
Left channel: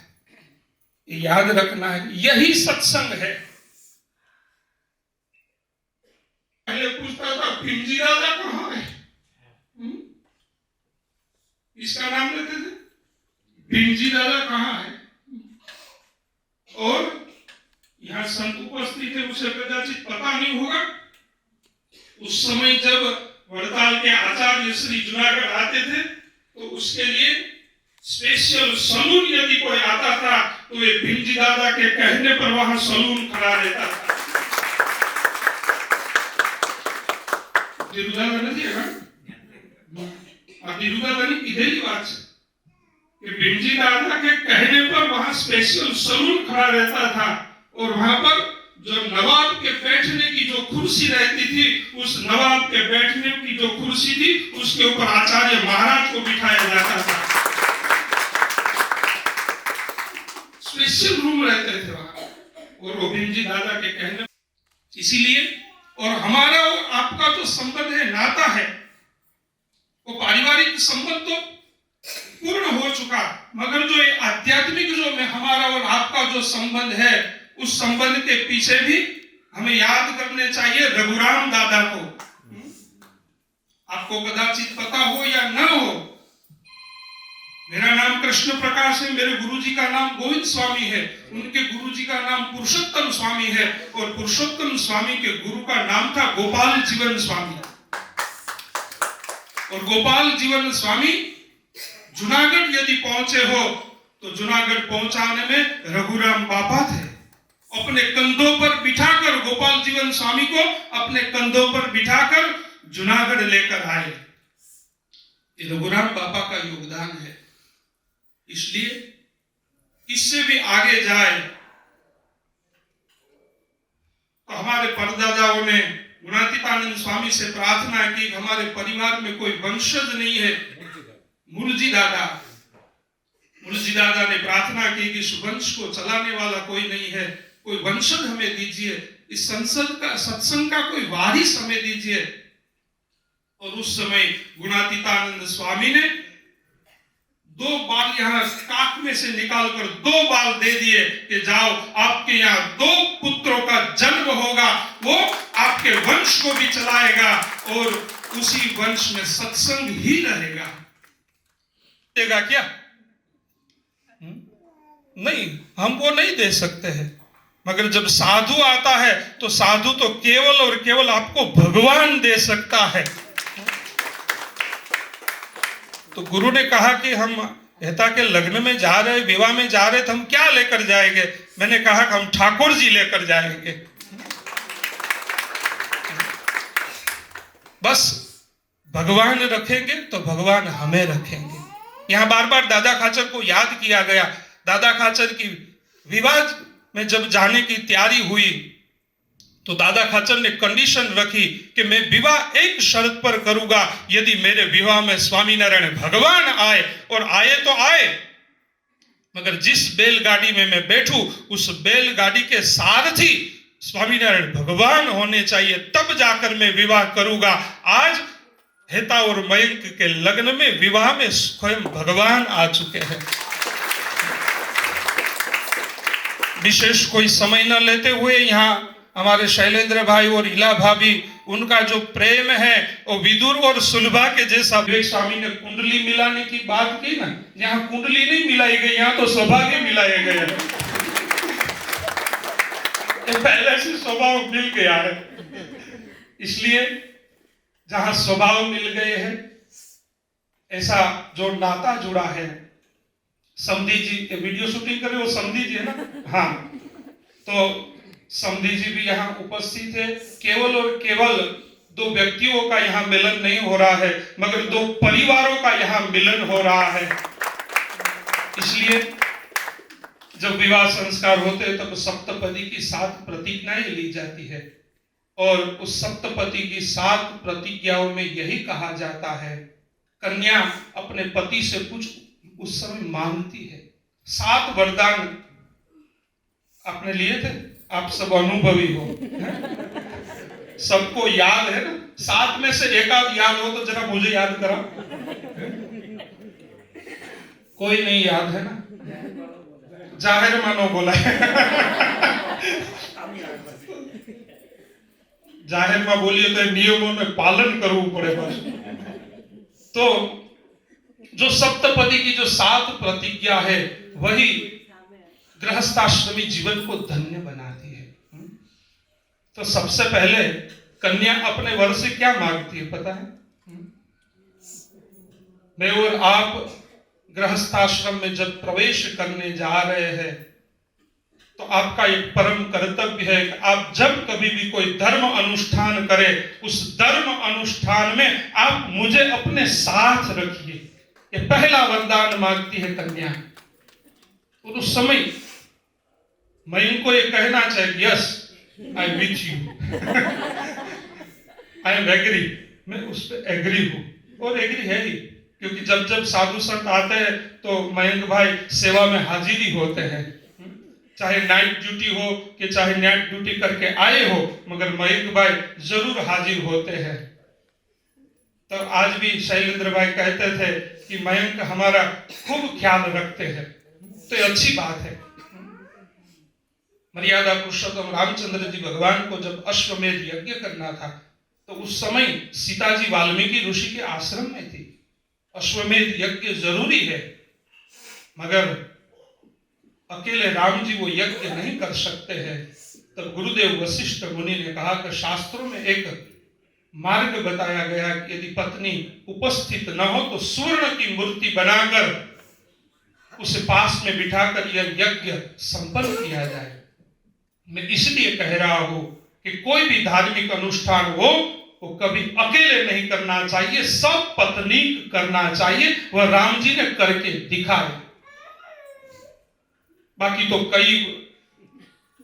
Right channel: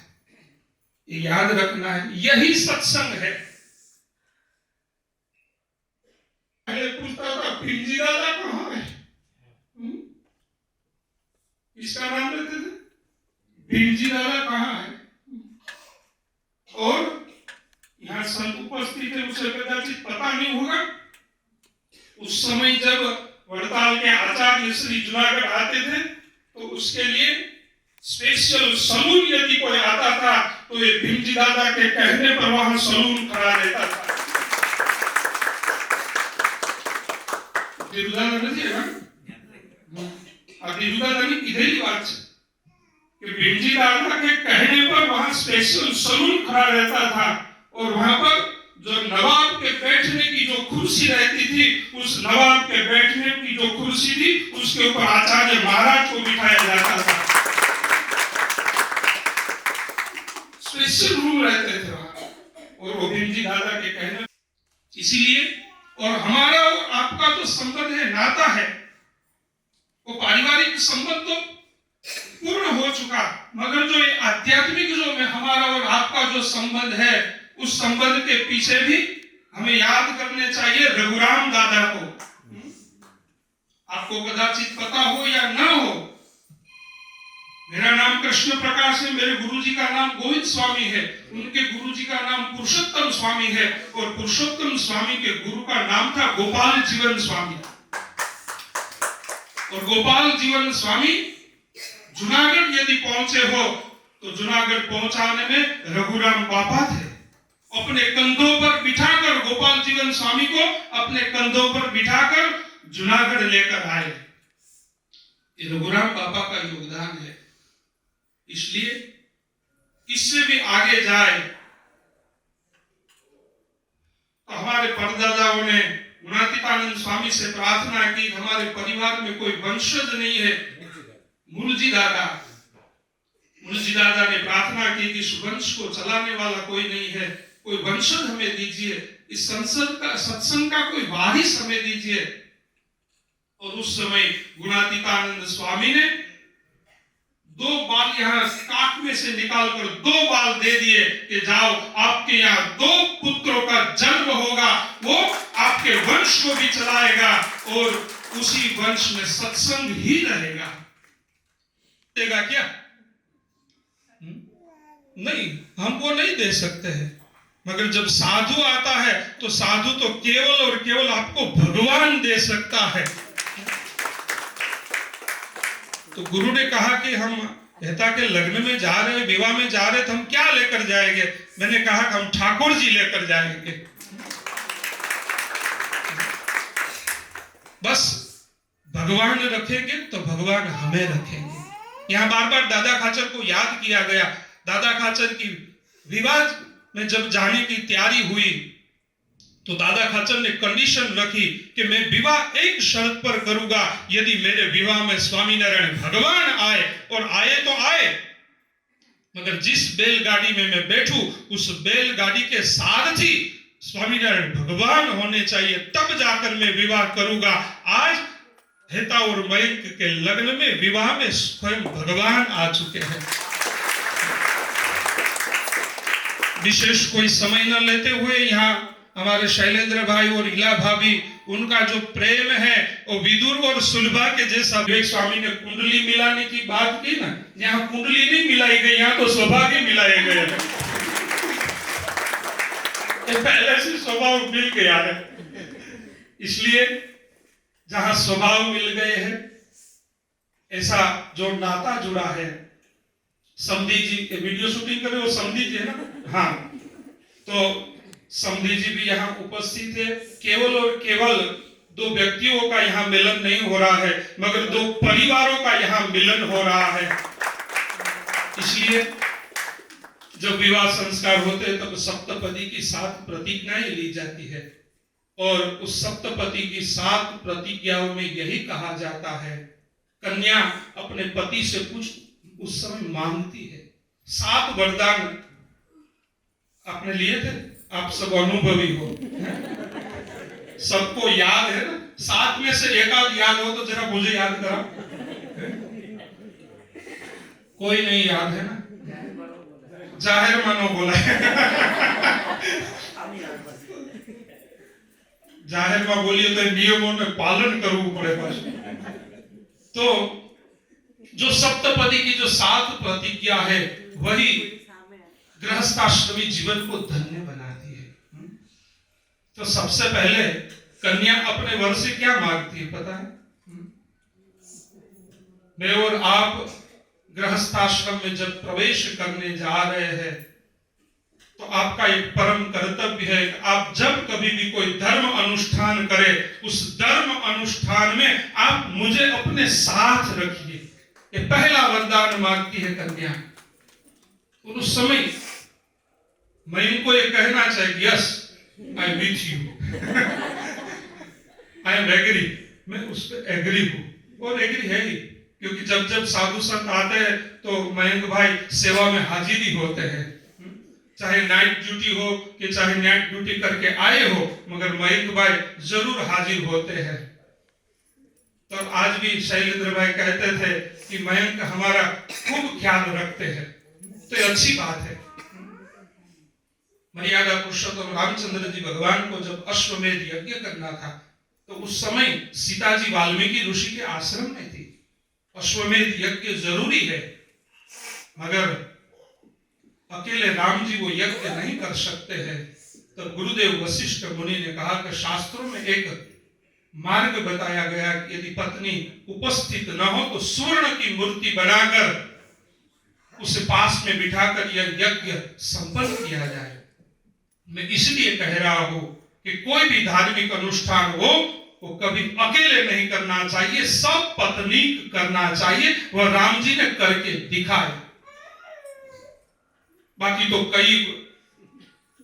ये याद रखना है, यही सत्संग है। पहले पूछता था भिंजी दादा कहाँ है, इसका नाम लेते थे, भिंजी दादा कहाँ है। और यहाँ संत उपस्थित है, उसे कदाचित पता नहीं होगा। उस समय जब वड़ताल के आचार्य श्री जूनागढ़ आते थे तो उसके लिए स्पेशल सलून यदि कोई आता था तो ये भिंजी दादा के कहने पर वहां सलून खड़ा रहता था। दिरुदादा नहीं है ना, दिरुदादा नहीं, इधर ही बात है कि भिंजी दादा के कहने पर वहां स्पेशल सलून खड़ा रहता था। और वहां पर जो नवाब के बैठने की जो कुर्सी रहती थी, उस नवाब के बैठने की जो कुर्सी थी उसके ऊपर आचार्य महाराज को बिठाया जाता था। स्पेशल रूम रहते थे वहां। और वो भिंजी दादा के कहने, इसीलिए और हमारा और आपका जो संबंध है, नाता है, वो पारिवारिक संबंध तो पूर्ण हो चुका, मगर जो ये आध्यात्मिक जो में हमारा और आपका जो संबंध है, उस संबंध के पीछे भी हमें याद करने चाहिए रघुराम दादा को। आपको कदाचित पता हो या ना हो, मेरा नाम कृष्ण प्रकाश है, मेरे गुरुजी का नाम गोविंद स्वामी है, उनके गुरुजी का नाम पुरुषोत्तम स्वामी है, और पुरुषोत्तम स्वामी के गुरु का नाम था गोपाल जीवन स्वामी। और गोपाल जीवन स्वामी जूनागढ़ यदि पहुंचे हो तो जूनागढ़ पहुंचाने में रघुराम बापा थे। अपने कंधों पर बिठाकर गोपाल जीवन स्वामी को अपने कंधों पर बिठाकर जूनागढ़ लेकर आए। ये रघुराम बाबा का योगदान है। इसलिए इससे भी आगे जाए तो हमारे परदादाओं ने गुणातीतानंद स्वामी से प्रार्थना की, हमारे परिवार में कोई वंशज नहीं है। मुलजी दादा ने प्रार्थना की कि सुवंश को चलाने वाला कोई नहीं है, कोई वंशज हमें दीजिए, इस सत्संग का कोई वारिस हमें दीजिए। और उस समय गुणातीतानंद स्वामी ने 2 बाल यहाँ काक में से निकालकर 2 बाल दे दिए कि जाओ, आपके यहाँ 2 पुत्रों का जन्म होगा, वो आपके वंश को भी चलाएगा और उसी वंश में सत्संग ही रहेगा। देगा क्या? नहीं, हम वो नहीं दे सकते हैं। मगर जब साधु आता है तो साधु तो केवल और केवल आपको भगवान दे सकता है। तो गुरु ने कहा कि हम हेता के लग्न में जा रहे, विवाह में जा रहे, तो हम क्या लेकर जाएंगे? मैंने कहा कि हम ठाकुर जी लेकर जाएंगे। बस भगवान रखेंगे तो भगवान हमें रखेंगे। यहाँ बार बार दादा खाचर को याद किया गया। दादा खाचर की विवाह में जब जाने की तैयारी हुई तो दादा खाचर ने कंडीशन रखी कि मैं विवाह एक शर्त पर करूंगा, यदि मेरे विवाह में स्वामीनारायण भगवान आए, और आए तो आए, मगर जिस बैलगाड़ी में मैं बैठूं उस बैलगाड़ी के सारथी स्वामीनारायण भगवान होने चाहिए, तब जाकर मैं विवाह करूंगा। आज हेता और मयंक के लग्न में विवाह में स्वयं भगवान आ चुके हैं। विशेष कोई समय न लेते हुए यहाँ हमारे शैलेंद्र भाई और इला भाभी, उनका जो प्रेम है वो विदुर और सुलभा के जैसा। विवेक स्वामी ने कुंडली मिलाने की बात की ना, यहाँ कुंडली नहीं मिलाई गई, यहाँ तो सौभाग्य मिलाए गए हैं। पहले से स्वभाव मिल गया है, इसलिए जहां स्वभाव मिल गए हैं, ऐसा जो नाता जुड़ा है। समधी जी वीडियो शूटिंग करे वो समधी जी है ना, हाँ, तो समधी जी भी यहाँ उपस्थित है। केवल और केवल दो व्यक्तियों का यहाँ मिलन नहीं हो रहा है, मगर दो परिवारों का यहाँ मिलन हो रहा है। इसलिए जब विवाह संस्कार होते हैं तब सप्तपदी की 7 प्रतिज्ञाएं ली जाती है, और उस सप्तपदी की 7 प्रतिज्ञाओं में यही कहा जाता है, कन्या अपने पति से कुछ उस समय मांगती है। 7 वरदान आपने लिए थे, आप सब अनुभवी हो, सबको याद है ना। 7 में से एक आध याद हो तो जरा मुझे याद करा। कोई नहीं याद है ना, जाहिर मानो बोला है। जाहिर में बोलिए तो नियमों में पालन करવું પડે बस। तो जो सप्तपदी की जो 7 प्रतिज्ञा है वही गृहस्थाश्रमी जीवन को धन्य बनाती है। तो सबसे पहले कन्या अपने वर से क्या मांगती है पता है? मैं और आप गृहस्थाश्रम में जब प्रवेश करने जा रहे हैं तो आपका एक परम कर्तव्य है कि आप जब कभी भी कोई धर्म अनुष्ठान करें, उस धर्म अनुष्ठान में आप मुझे अपने साथ रखिए। ये पहला वरदान मांगती है कन्या। और उस समय मैं इनको ये कहना चाहिए, yes I am with you, I am agree, मैं उस पर एग्री हूं, और एग्री है ही, क्योंकि जब जब साधु संत आते हैं तो मयंक भाई सेवा में हाजिरी होते हैं, चाहे नाइट ड्यूटी हो कि चाहे नाइट ड्यूटी करके आए हो, मगर मयंक भाई जरूर हाजिर होते हैं। तो आज भी शैलेंद्र भाई कहते थे कि मयंक हमारा खूब ख्याल रखते हैं, तो ये अच्छी बात है। मर्यादा पुरुषोत्तम रामचंद्र जी भगवान को जब अश्वमेध यज्ञ करना था तो उस समय सीता जी वाल्मीकि ऋषि के आश्रम में थी। अश्वमेध यज्ञ जरूरी है, मगर अकेले राम जी वो यज्ञ नहीं कर सकते हैं। तो गुरुदेव वशिष्ठ मुनि ने कहा कि शास्त्रों में एक मार्ग बताया गया कि यदि पत्नी उपस्थित न हो तो स्वर्ण की मूर्ति बनाकर उसे पास में बिठाकर यह यज्ञ संपन्न किया जाए। मैं इसलिए कह रहा हूं कि कोई भी धार्मिक अनुष्ठान हो वो कभी अकेले नहीं करना चाहिए, सब पत्नी करना चाहिए। वह राम जी ने करके दिखाए। बाकी तो कई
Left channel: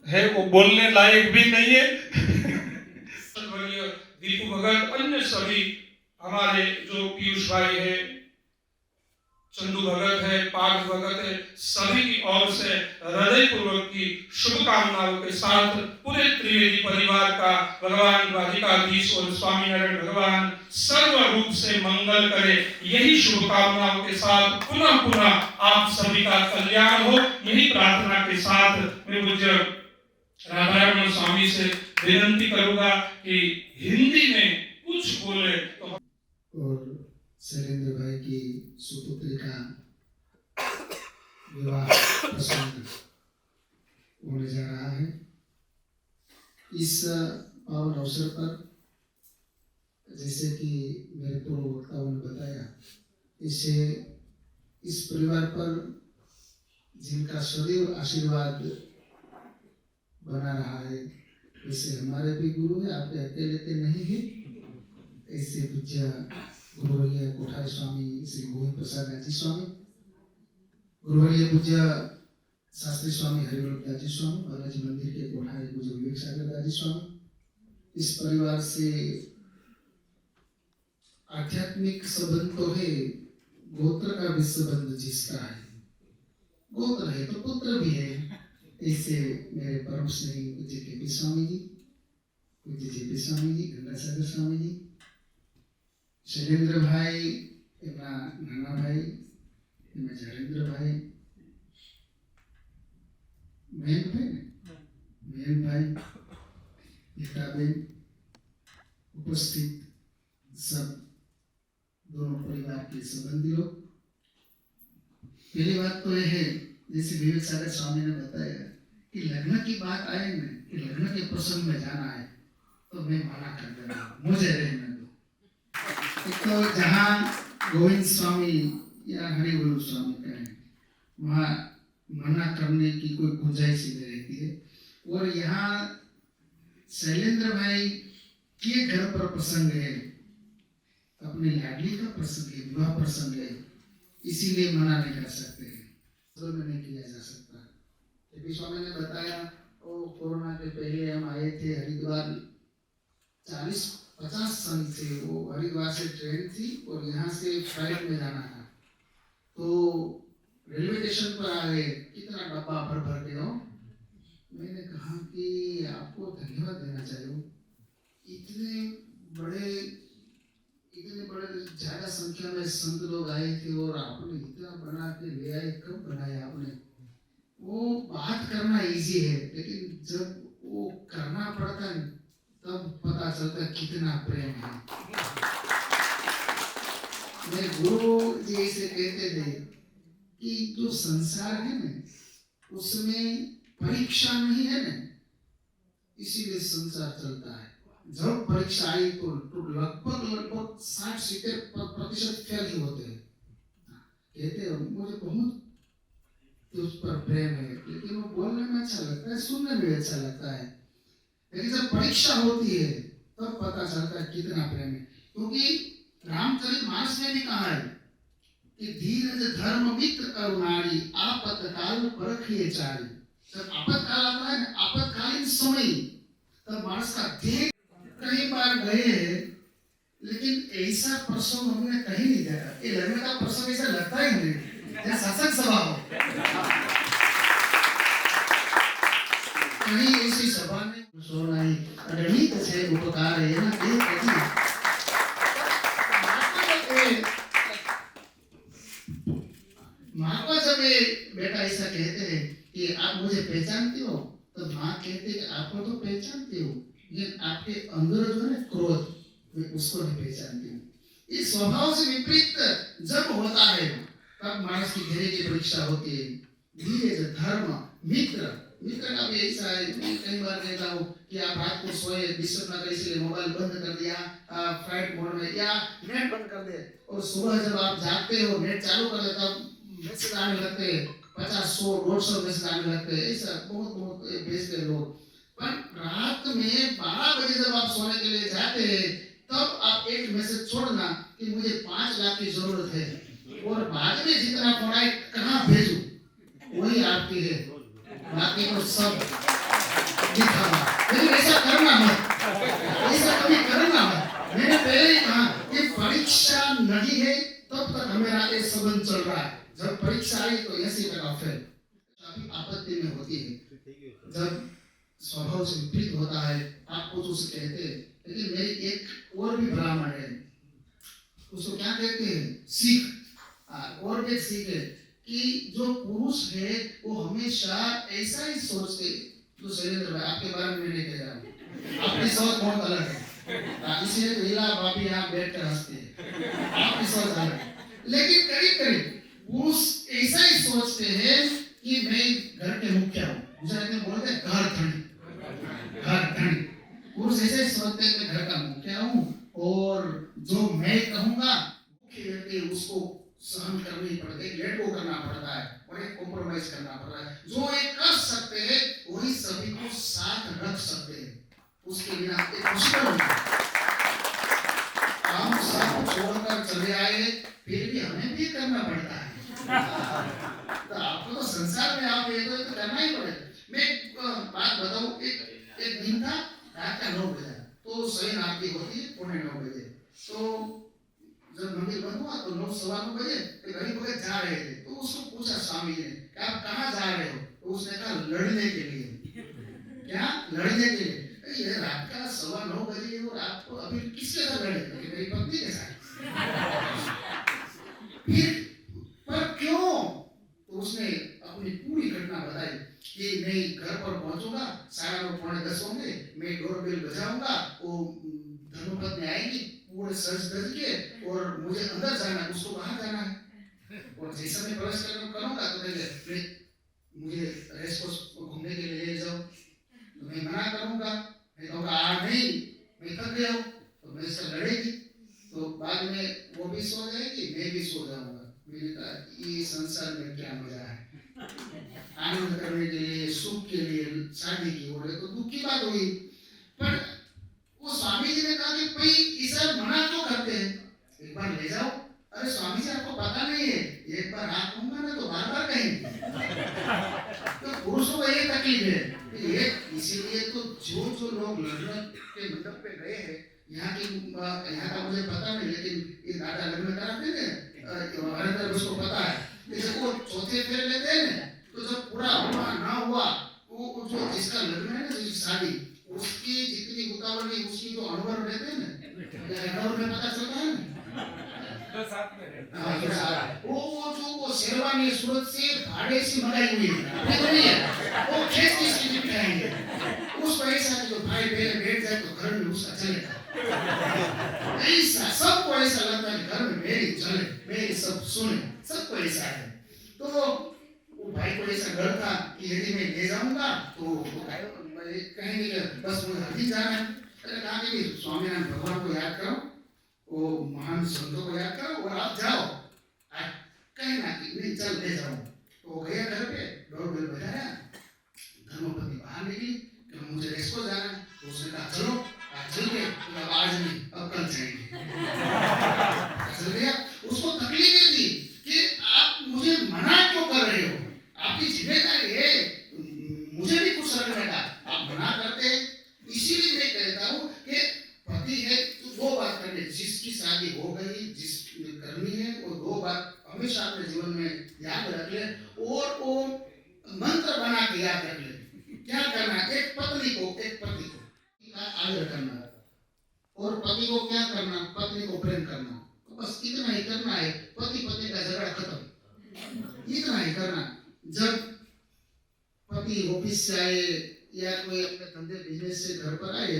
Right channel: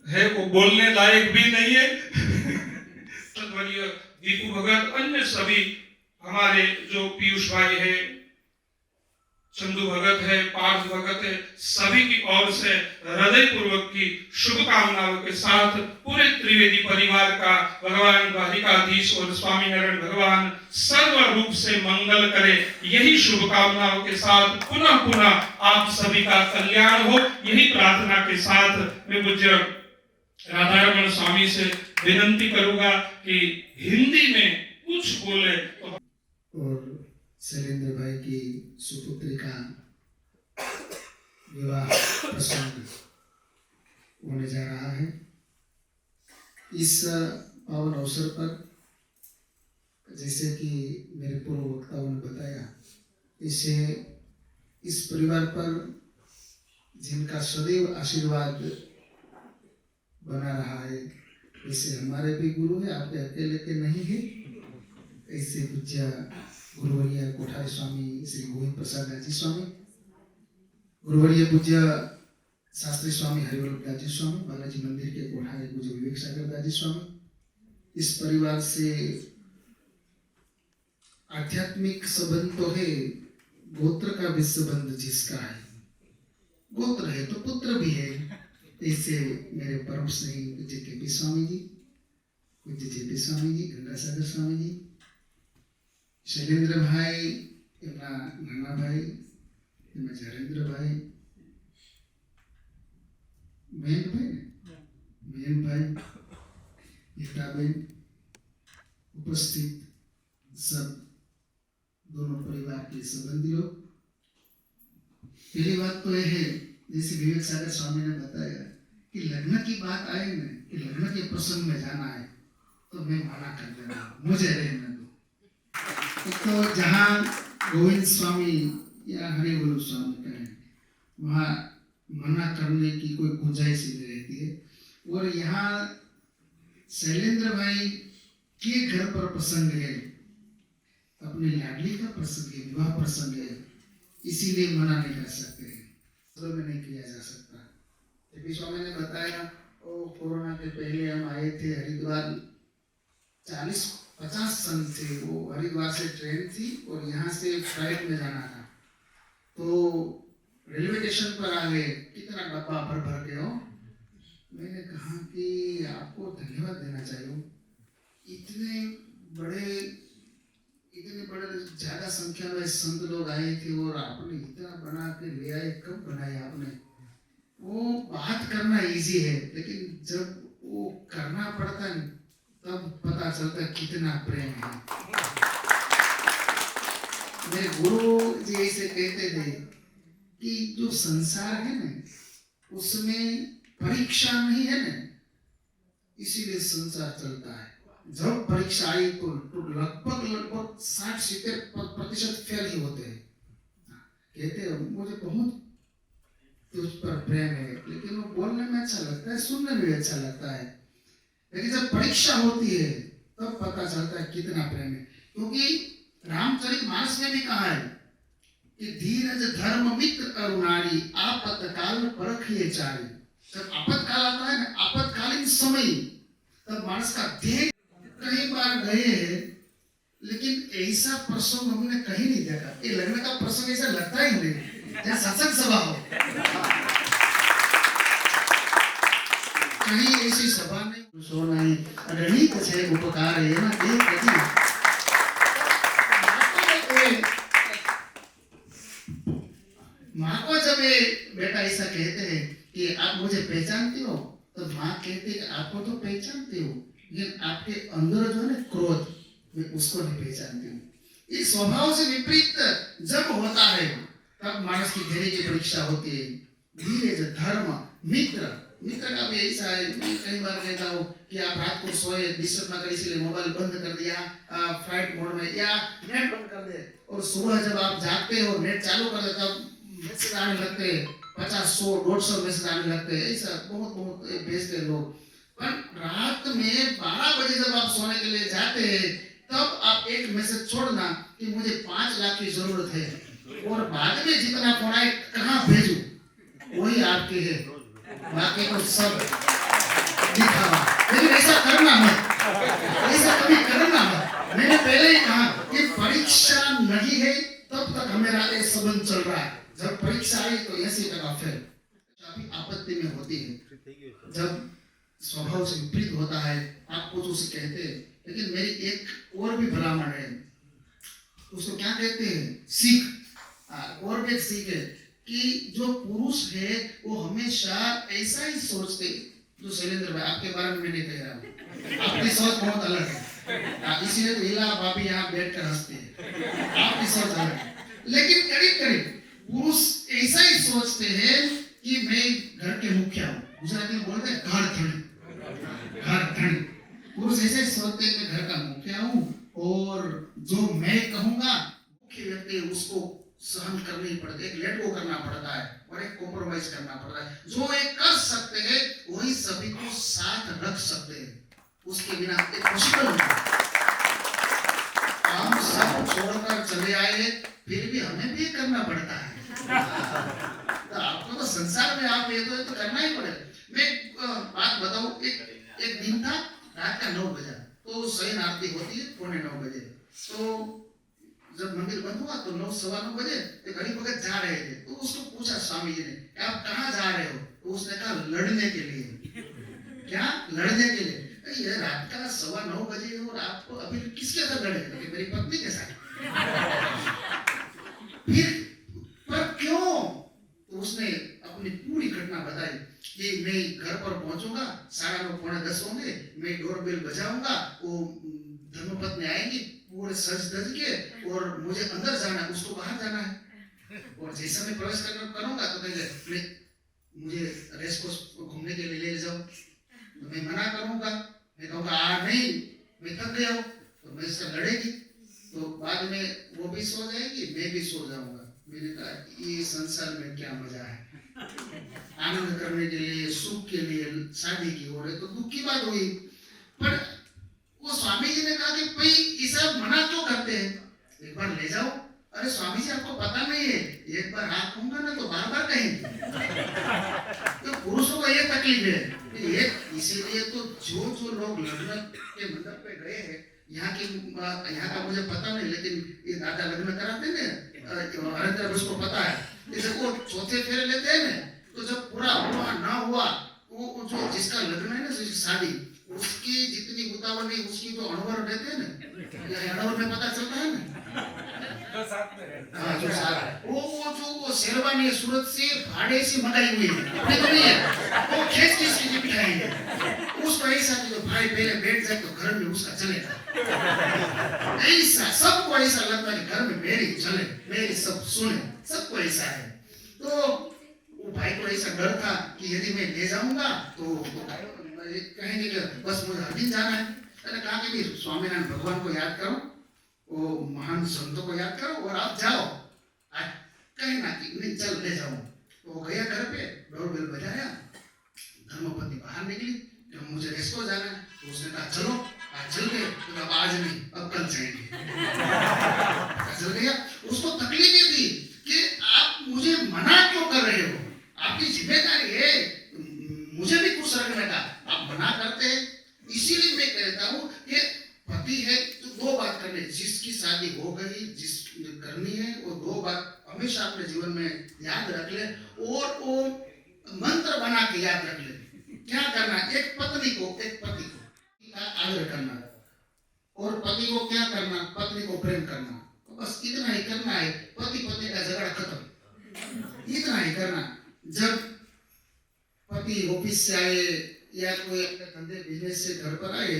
है वो बोलने लायक भी नहीं है। दीपू भगत, अन्य सभी हमारे जो पीयूष भाई है, चंदू भगत है, पार्थ भगत है, सभी की ओर से हृदय पूर्वक की शुभकामनाओं के साथ पूरे त्रिवेदी परिवार का भगवान राधिकाधीश और स्वामीनारायण भगवान सर्व रूप से मंगल करे, यही शुभकामनाओं के साथ पुनः पुनः आप सभी का कल्याण हो, यही प्रार्थना के साथ मैं पूज्य राधारमण स्वामी से विनंती करूंगा कि हिंदी में कुछ बोले। और शैलेंद्र भाई की सुपुत्री का विवाह प्रसंग होने जा रहा है। इस पावन अवसर पर जैसे कि मेरे पूर्व वक्ताओं ने बताया, इससे इस परिवार पर जिनका सदैव आशीर्वाद बना रहा है, ऐसे हमारे भी गुरु है, आपके अकेले के नहीं है। ऐसे पूज्य गुरुवर्य कोठारी स्वामी श्री गोविंद प्रसाद दाजी स्वामी, गुरुवर्य पूज्य शास्त्री स्वामी हरिवल्लभ दाजी स्वामी, बालाजी मंदिर के कोठारी पूज्य विवेक सागर दाजी स्वामी, इस परिवार से आध्यात्मिक संबंध तो है, गोत्र का भी संबंध जिसका है, गोत्र है तो पुत्र भी है। ऐसे मेरे परम स्नेही पूज्य के स्वामी जी, पूज्य जेपी स्वामी जी, गंगासागर स्वामी जी, शैलेंद्र भाई, एमना नाना भाई, एमना जयेंद्र भाई, मेन भाई हीराबेन, उपस्थित सब दोनों परिवार के संबंधी लोग। पहली बात तो यह है, जैसे विवेक सागर स्वामी ने बताया कि लग्न की बात आए ना, कि लग्न के प्रसंग में जाना है तो मैं मना कर देना, मुझे रहने दो। एक तो जहाँ गोविंद स्वामी या हरिगुरु स्वामी कहें, वहाँ मना करने की कोई गुंजाइश ही नहीं रहती है। और यहाँ शैलेंद्र भाई के घर पर प्रसंग है, अपने लाडली का प्रसंग है, विवाह प्रसंग है, इसीलिए मना नहीं कर सकते, नहीं किया जा सकता। जबकि स्वामी ने बताया वो कोरोना के पहले हम आए थे हरिद्वार, 40-50 साल से वो हरिद्वार से ट्रेन थी और यहाँ से फ्लाइट में जाना था, तो रेलवे स्टेशन पर आ गए, कितना डब्बा भर भर के हो। मैंने कहा कि आपको धन्यवाद देना चाहिए, इतने बड़े ज्यादा संख्या में संत लोग आए थे और आपने इतना बना के ले आए, कब बनाया आपने? वो बात करना इजी है, लेकिन जब वो करना पड़ता है तब पता चलता है कितना प्रेम है। मेरे गुरु जी ऐसे कहते थे कि जो संसार है ना, उसमें परीक्षा नहीं है ना, इसीलिए संसार चलता है। जब परीक्षा आई तो लगभग 60-70% फेल ही होते हैं। कहते हैं मुझे बहुत तुझ पर प्रेम है, लेकिन वो बोलने में अच्छा लगता है, सुनने में अच्छा लगता है, लेकिन जब परीक्षा होती है तब पता चलता है कितना प्रेम है। क्योंकि रामचरितमानस में भी कहा है कि धीरज धर्म मित्र करुणारी, आपत्काल परखिए चारी। जब आपत्काल आता है ना, आपत्कालीन समय, तब मानस का देह कई बार गए हैं, लेकिन ऐसा प्रसंग हमने कहीं नहीं देखा। ये लग्न का प्रसंग ऐसा लगता ही नहीं जैसे सत्संग सभा हो, कहीं ऐसी सभा में सोना ही अगली कछे उपकार है ना, ये कभी माँ को जब ये बेटा ऐसा कहते हैं कि आप मुझे पहचानते हो, तो माँ कहती है आपको तो पहचानती हो, लेकिन आपके अंदर जो है क्रोध, मैं उसको नहीं पहचानती हूँ। इस स्वभाव से विपरीत जब होता है तब मानस की धैर्य की परीक्षा होती है। धीरज धर्म मित्र का भी ऐसा है। मैं कई बार कहता हूँ कि आप रात को सोए, डिस्टर्ब ना करें, इसलिए मोबाइल बंद कर दिया फ्लाइट मोड में, या नेट बंद कर दे, और सुबह जब आप जागते हो नेट चालू कर दे, तब मैसेज आने लगते हैं, 50-100-150 मैसेज आने लगते हैं। ऐसा बहुत भेजते लोग। पर रात में 12 बजे जब आप सोने के लिए जाते हैं, तब आप एक मैसेज छोड़ना कि मुझे 5 लाख की जरूरत है, और बाद में जितना फोन आए कहाँ भेजूं, वही आपके है, बाकी तो सब दिखावा। लेकिन ऐसा करना मत, ऐसा कभी करना मत। मैंने पहले ही कहा कि परीक्षा नहीं है तब तक हमारा ये संबंध चल रहा है, जब परीक्षा आई तो 80% फेल। काफी आपत्ति में होती है जब स्वभाव से विपरीत होता है, आप कुछ उसे कहते हैं। लेकिन मेरी एक और भी भलामण है, उसको क्या कहते हैं, सीख, और भी एक सीख है कि जो पुरुष है वो हमेशा ऐसा ही सोचते। तो शैलेंद्र भाई आपके बारे में मैंने कह रहा हूँ, आपकी सोच बहुत अलग है, इसीलिए तो हीला भाभी यहाँ बैठ कर हंसते हैं, आपकी सोच अलग है। लेकिन करीब पुरुष ऐसा ही सोचते हैं कि मैं घर के मुखिया हूँ, गुजराती में बोलते हैं घर धनी। पुरुष ऐसे सोचते हैं कि घर का मुखिया हूँ, और जो मैं कहूँगा मुख्य व्यक्ति उसको सहन करनी पड़ती है, लेट गो करना पड़ता है और एक कॉम्प्रोमाइज करना पड़ता है। जो एक कर सकते हैं वही सभी को साथ रख सकते हैं, उसके बिना एक मुश्किल होता है। हम सब छोड़कर चले आए, फिर भी हमें भी करना पड़ता है। तो आपको तो संसार में आप ये तो करना ही पड़ेगा। मैं बात बताऊं, एक दिन था, रात का 9 बजे, तो शयन आरती होती है 9:15 बजे। तो जब मंदिर बंद हुआ तो 9-9:15 बजे एक हरि भगत जा रहे थे, तो उसको पूछा स्वामी जी ने कि आप कहाँ जा रहे हो? तो उसने कहा लड़ने के लिए। क्या लड़ने के लिए? ये रात का 9:15 बजे और आपको अभी किसके साथ लड़े? मेरी पत्नी के साथ। फिर पर क्यों? तो उसने अपनी पूरी घटना बताई कि मैं घर पर पहुंचूंगा 9:30 होंगे, मैं डोरबेल बजाऊंगा, वो धर्मपत्नी आएगी पूरे सज धज के और मुझे अंदर जाना है, उसको बाहर जाना है। और जैसे मैं प्रवेश करूंगा तो कहेंगे मुझे रेस कोर्स घूमने के लिए ले जाओ, तो मैं मना करूंगा, मैं कहूँगा नहीं मैं थक गया हूँ, तो मेरे से लड़ेगी, तो बाद में वो भी सो जाएगी, मैं भी सो जाऊंगा। मैंने कहा ये संसार में क्या मजा है, आनंद करने के लिए सुख के लिए शादी की हो रही तो दुख की बात हुई। पर वो स्वामी जी ने कहा कि भाई ये सब मना क्यों करते हैं, एक बार ले जाओ। अरे स्वामी जी आपको पता नहीं है, एक बार हाथ कहूंगा ना तो बार बार कहेंगे। तो पुरुषों को ये तकलीफ है, ये इसीलिए तो जो लोग लग्न के मंडप पे गए हैं, यहाँ का मुझे पता नहीं, लेकिन ये दादा लग्न कराते हैं, हरिंदर उसको पता है, जैसे वो चौथे फेरे लेते हैं ना, तो जब पूरा हुआ ना हुआ, वो जो जिसका लग्न है ना, जिसकी शादी, उसकी जितनी उतावल नहीं, उसकी जो अणवर रहते हैं ना, अणवर में पता चलता है ना, वो शेरवानी सूरत से भाड़े से मंगाई हुई है, तो नहीं है, वो खेत की सीधी बिठाएंगे, उसको ऐसा जो भाई पहले बैठ जाए तो घर में उसका चलेगा, ऐसा सबको ऐसा लगता है घर में मेरी चले, मेरी सब सुने, सबको ऐसा है। तो वो भाई को ऐसा डर था कि यदि मैं ले जाऊंगा तो कहेंगे कि बस मुझे अभी जाना है। मैंने कहा कि स्वामीनारायण भगवान को याद करो, वो महान संतों को याद करो और आप जाओ, कहना कि नहीं चल ले जाओ। तो वो गया घर पे, डोरबेल बजाया, धर्मपत्नी बाहर निकली कि मुझे रेस को जाना है, तो उसने कहा चलो, आज चल गए, तो अब आज नहीं अब कल जाएंगे। चल गया, उसको तकलीफ ये थी कि आप मुझे मना क्यों कर रहे हो, आपकी जिम्मेदारी है मुझे भी कुछ रखने का, आप मना करते हैं। इसीलिए मैं कहता हूँ कि पति है तो दो बात करनी, जिसकी शादी हो गई, जिस करनी है, वो दो बात हमेशा अपने जीवन में याद रख ले, और वो मंत्र बना के याद रख ले। क्या करना, एक पत्नी को, एक पति को आदर करना, और पति को क्या करना, पत्नी को प्रेम करना, बस इतना ही करना है। पति पत्नी का झगड़ा खत्म, इतना ही करना। जब पति ऑफिस से आए या कोई अपने धंधे बिजनेस से घर पर आए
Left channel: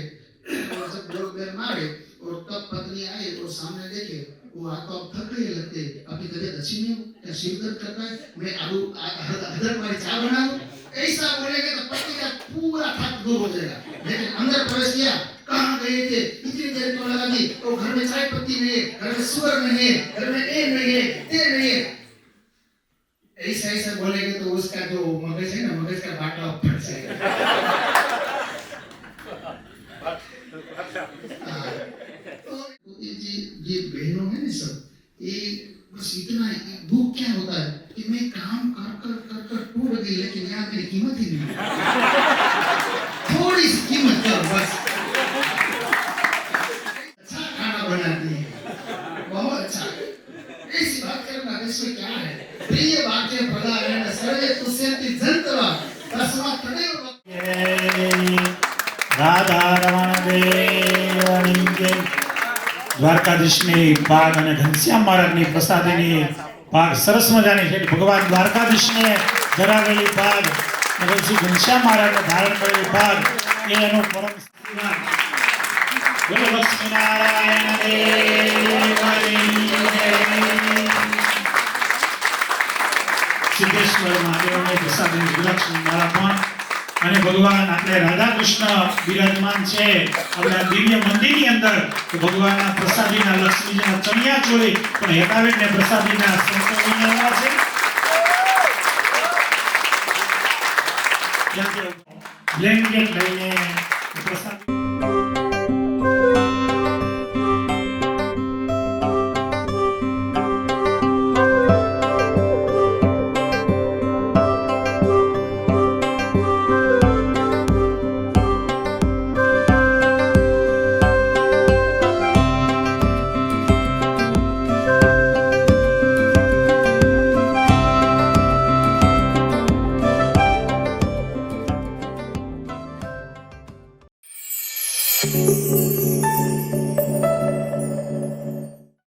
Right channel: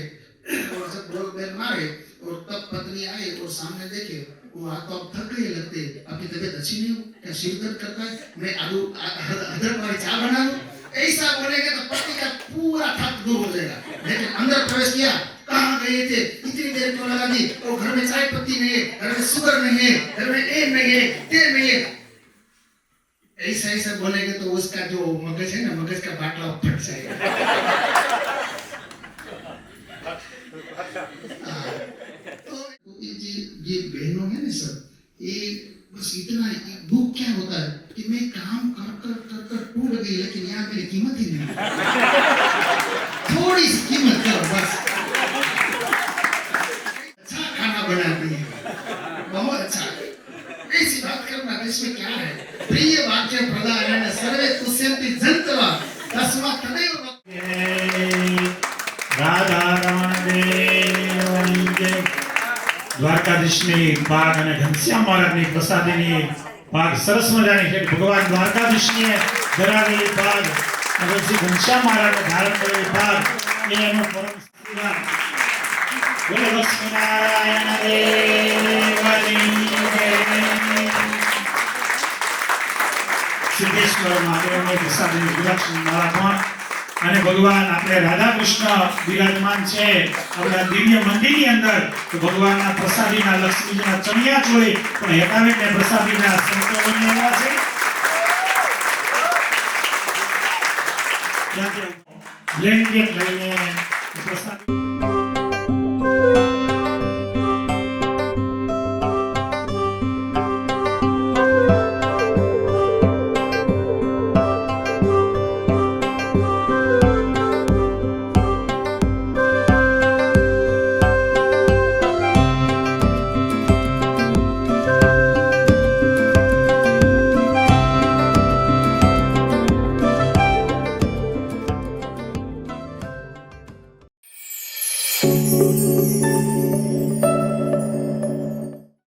और जब डोरबेल मारे और तब पत्नी आए और सामने देखे वो हाथ तो थक गए लगते, आपकी तबीयत अच्छी नहीं हो क्या, सिर दर्द करता है, मैं आलू अदरक वाली चाय बना दूं, ऐसा बोलेंगे तो पति का पूरा थक दूर हो जाएगा। लेकिन अंदर प्रवेश किया, कहाँ गए थे, इतनी देर क्यों लगा दी, और घर में चाय पत्ती नहीं है, घर में शुगर नहीं है, घर में ए नहीं है, ते नहीं है, ऐसा ऐसा बोलेंगे तो उसका जो मगज है ना, मगज का बाटला फट जाएगा। तो ये बहनों है ना सब, ये बस इतना दुख क्या होता है कि मैं काम कर कर कर कर टूट गई, लेकिन यहाँ मेरी कीमत ही नहीं, थोड़ी सी कीमत करो बस। अच्छा खाना बनाती है, बहुत अच्छा, ऐसी बात करना, इसमें क्या है, प्रिय वाक्य प्रदान सर्वे तुष्यन्ति जन्तवा तस्मात् तदेव राधा रमण देवनी जय। દ્વારકાધીશની પાક અને ઘનશ્યામ મહારાજની પ્રસાદીની પાક સરસ મજાની છે। ભગવાન દ્વારકાધીશને ધરાવેલી પાક અને શ્રી ઘનશ્યામ મહારાજને ધારણ કરેલી પાક એ એનું પરમ સન્માન। બોલો લક્ષ્મીનારાયણ દેવની જય। સિદ્ધેશ્વર મહાદેવને પ્રસાદીની ગુલાક્ષી માળા અને ભગવાન આપણે રાધા કૃષ્ણ વિરાજમાન છે આપણા દિવ્ય મંદિરની અંદર, તો ભગવાનના પ્રસાદીના લક્ષ્મીજીના ચણિયા ચોળી પણ હેતાવેટને પ્રસાદીના સંતો લઈને આવ્યા છે। બ્લેન્કેટ લઈને પ્રસાદ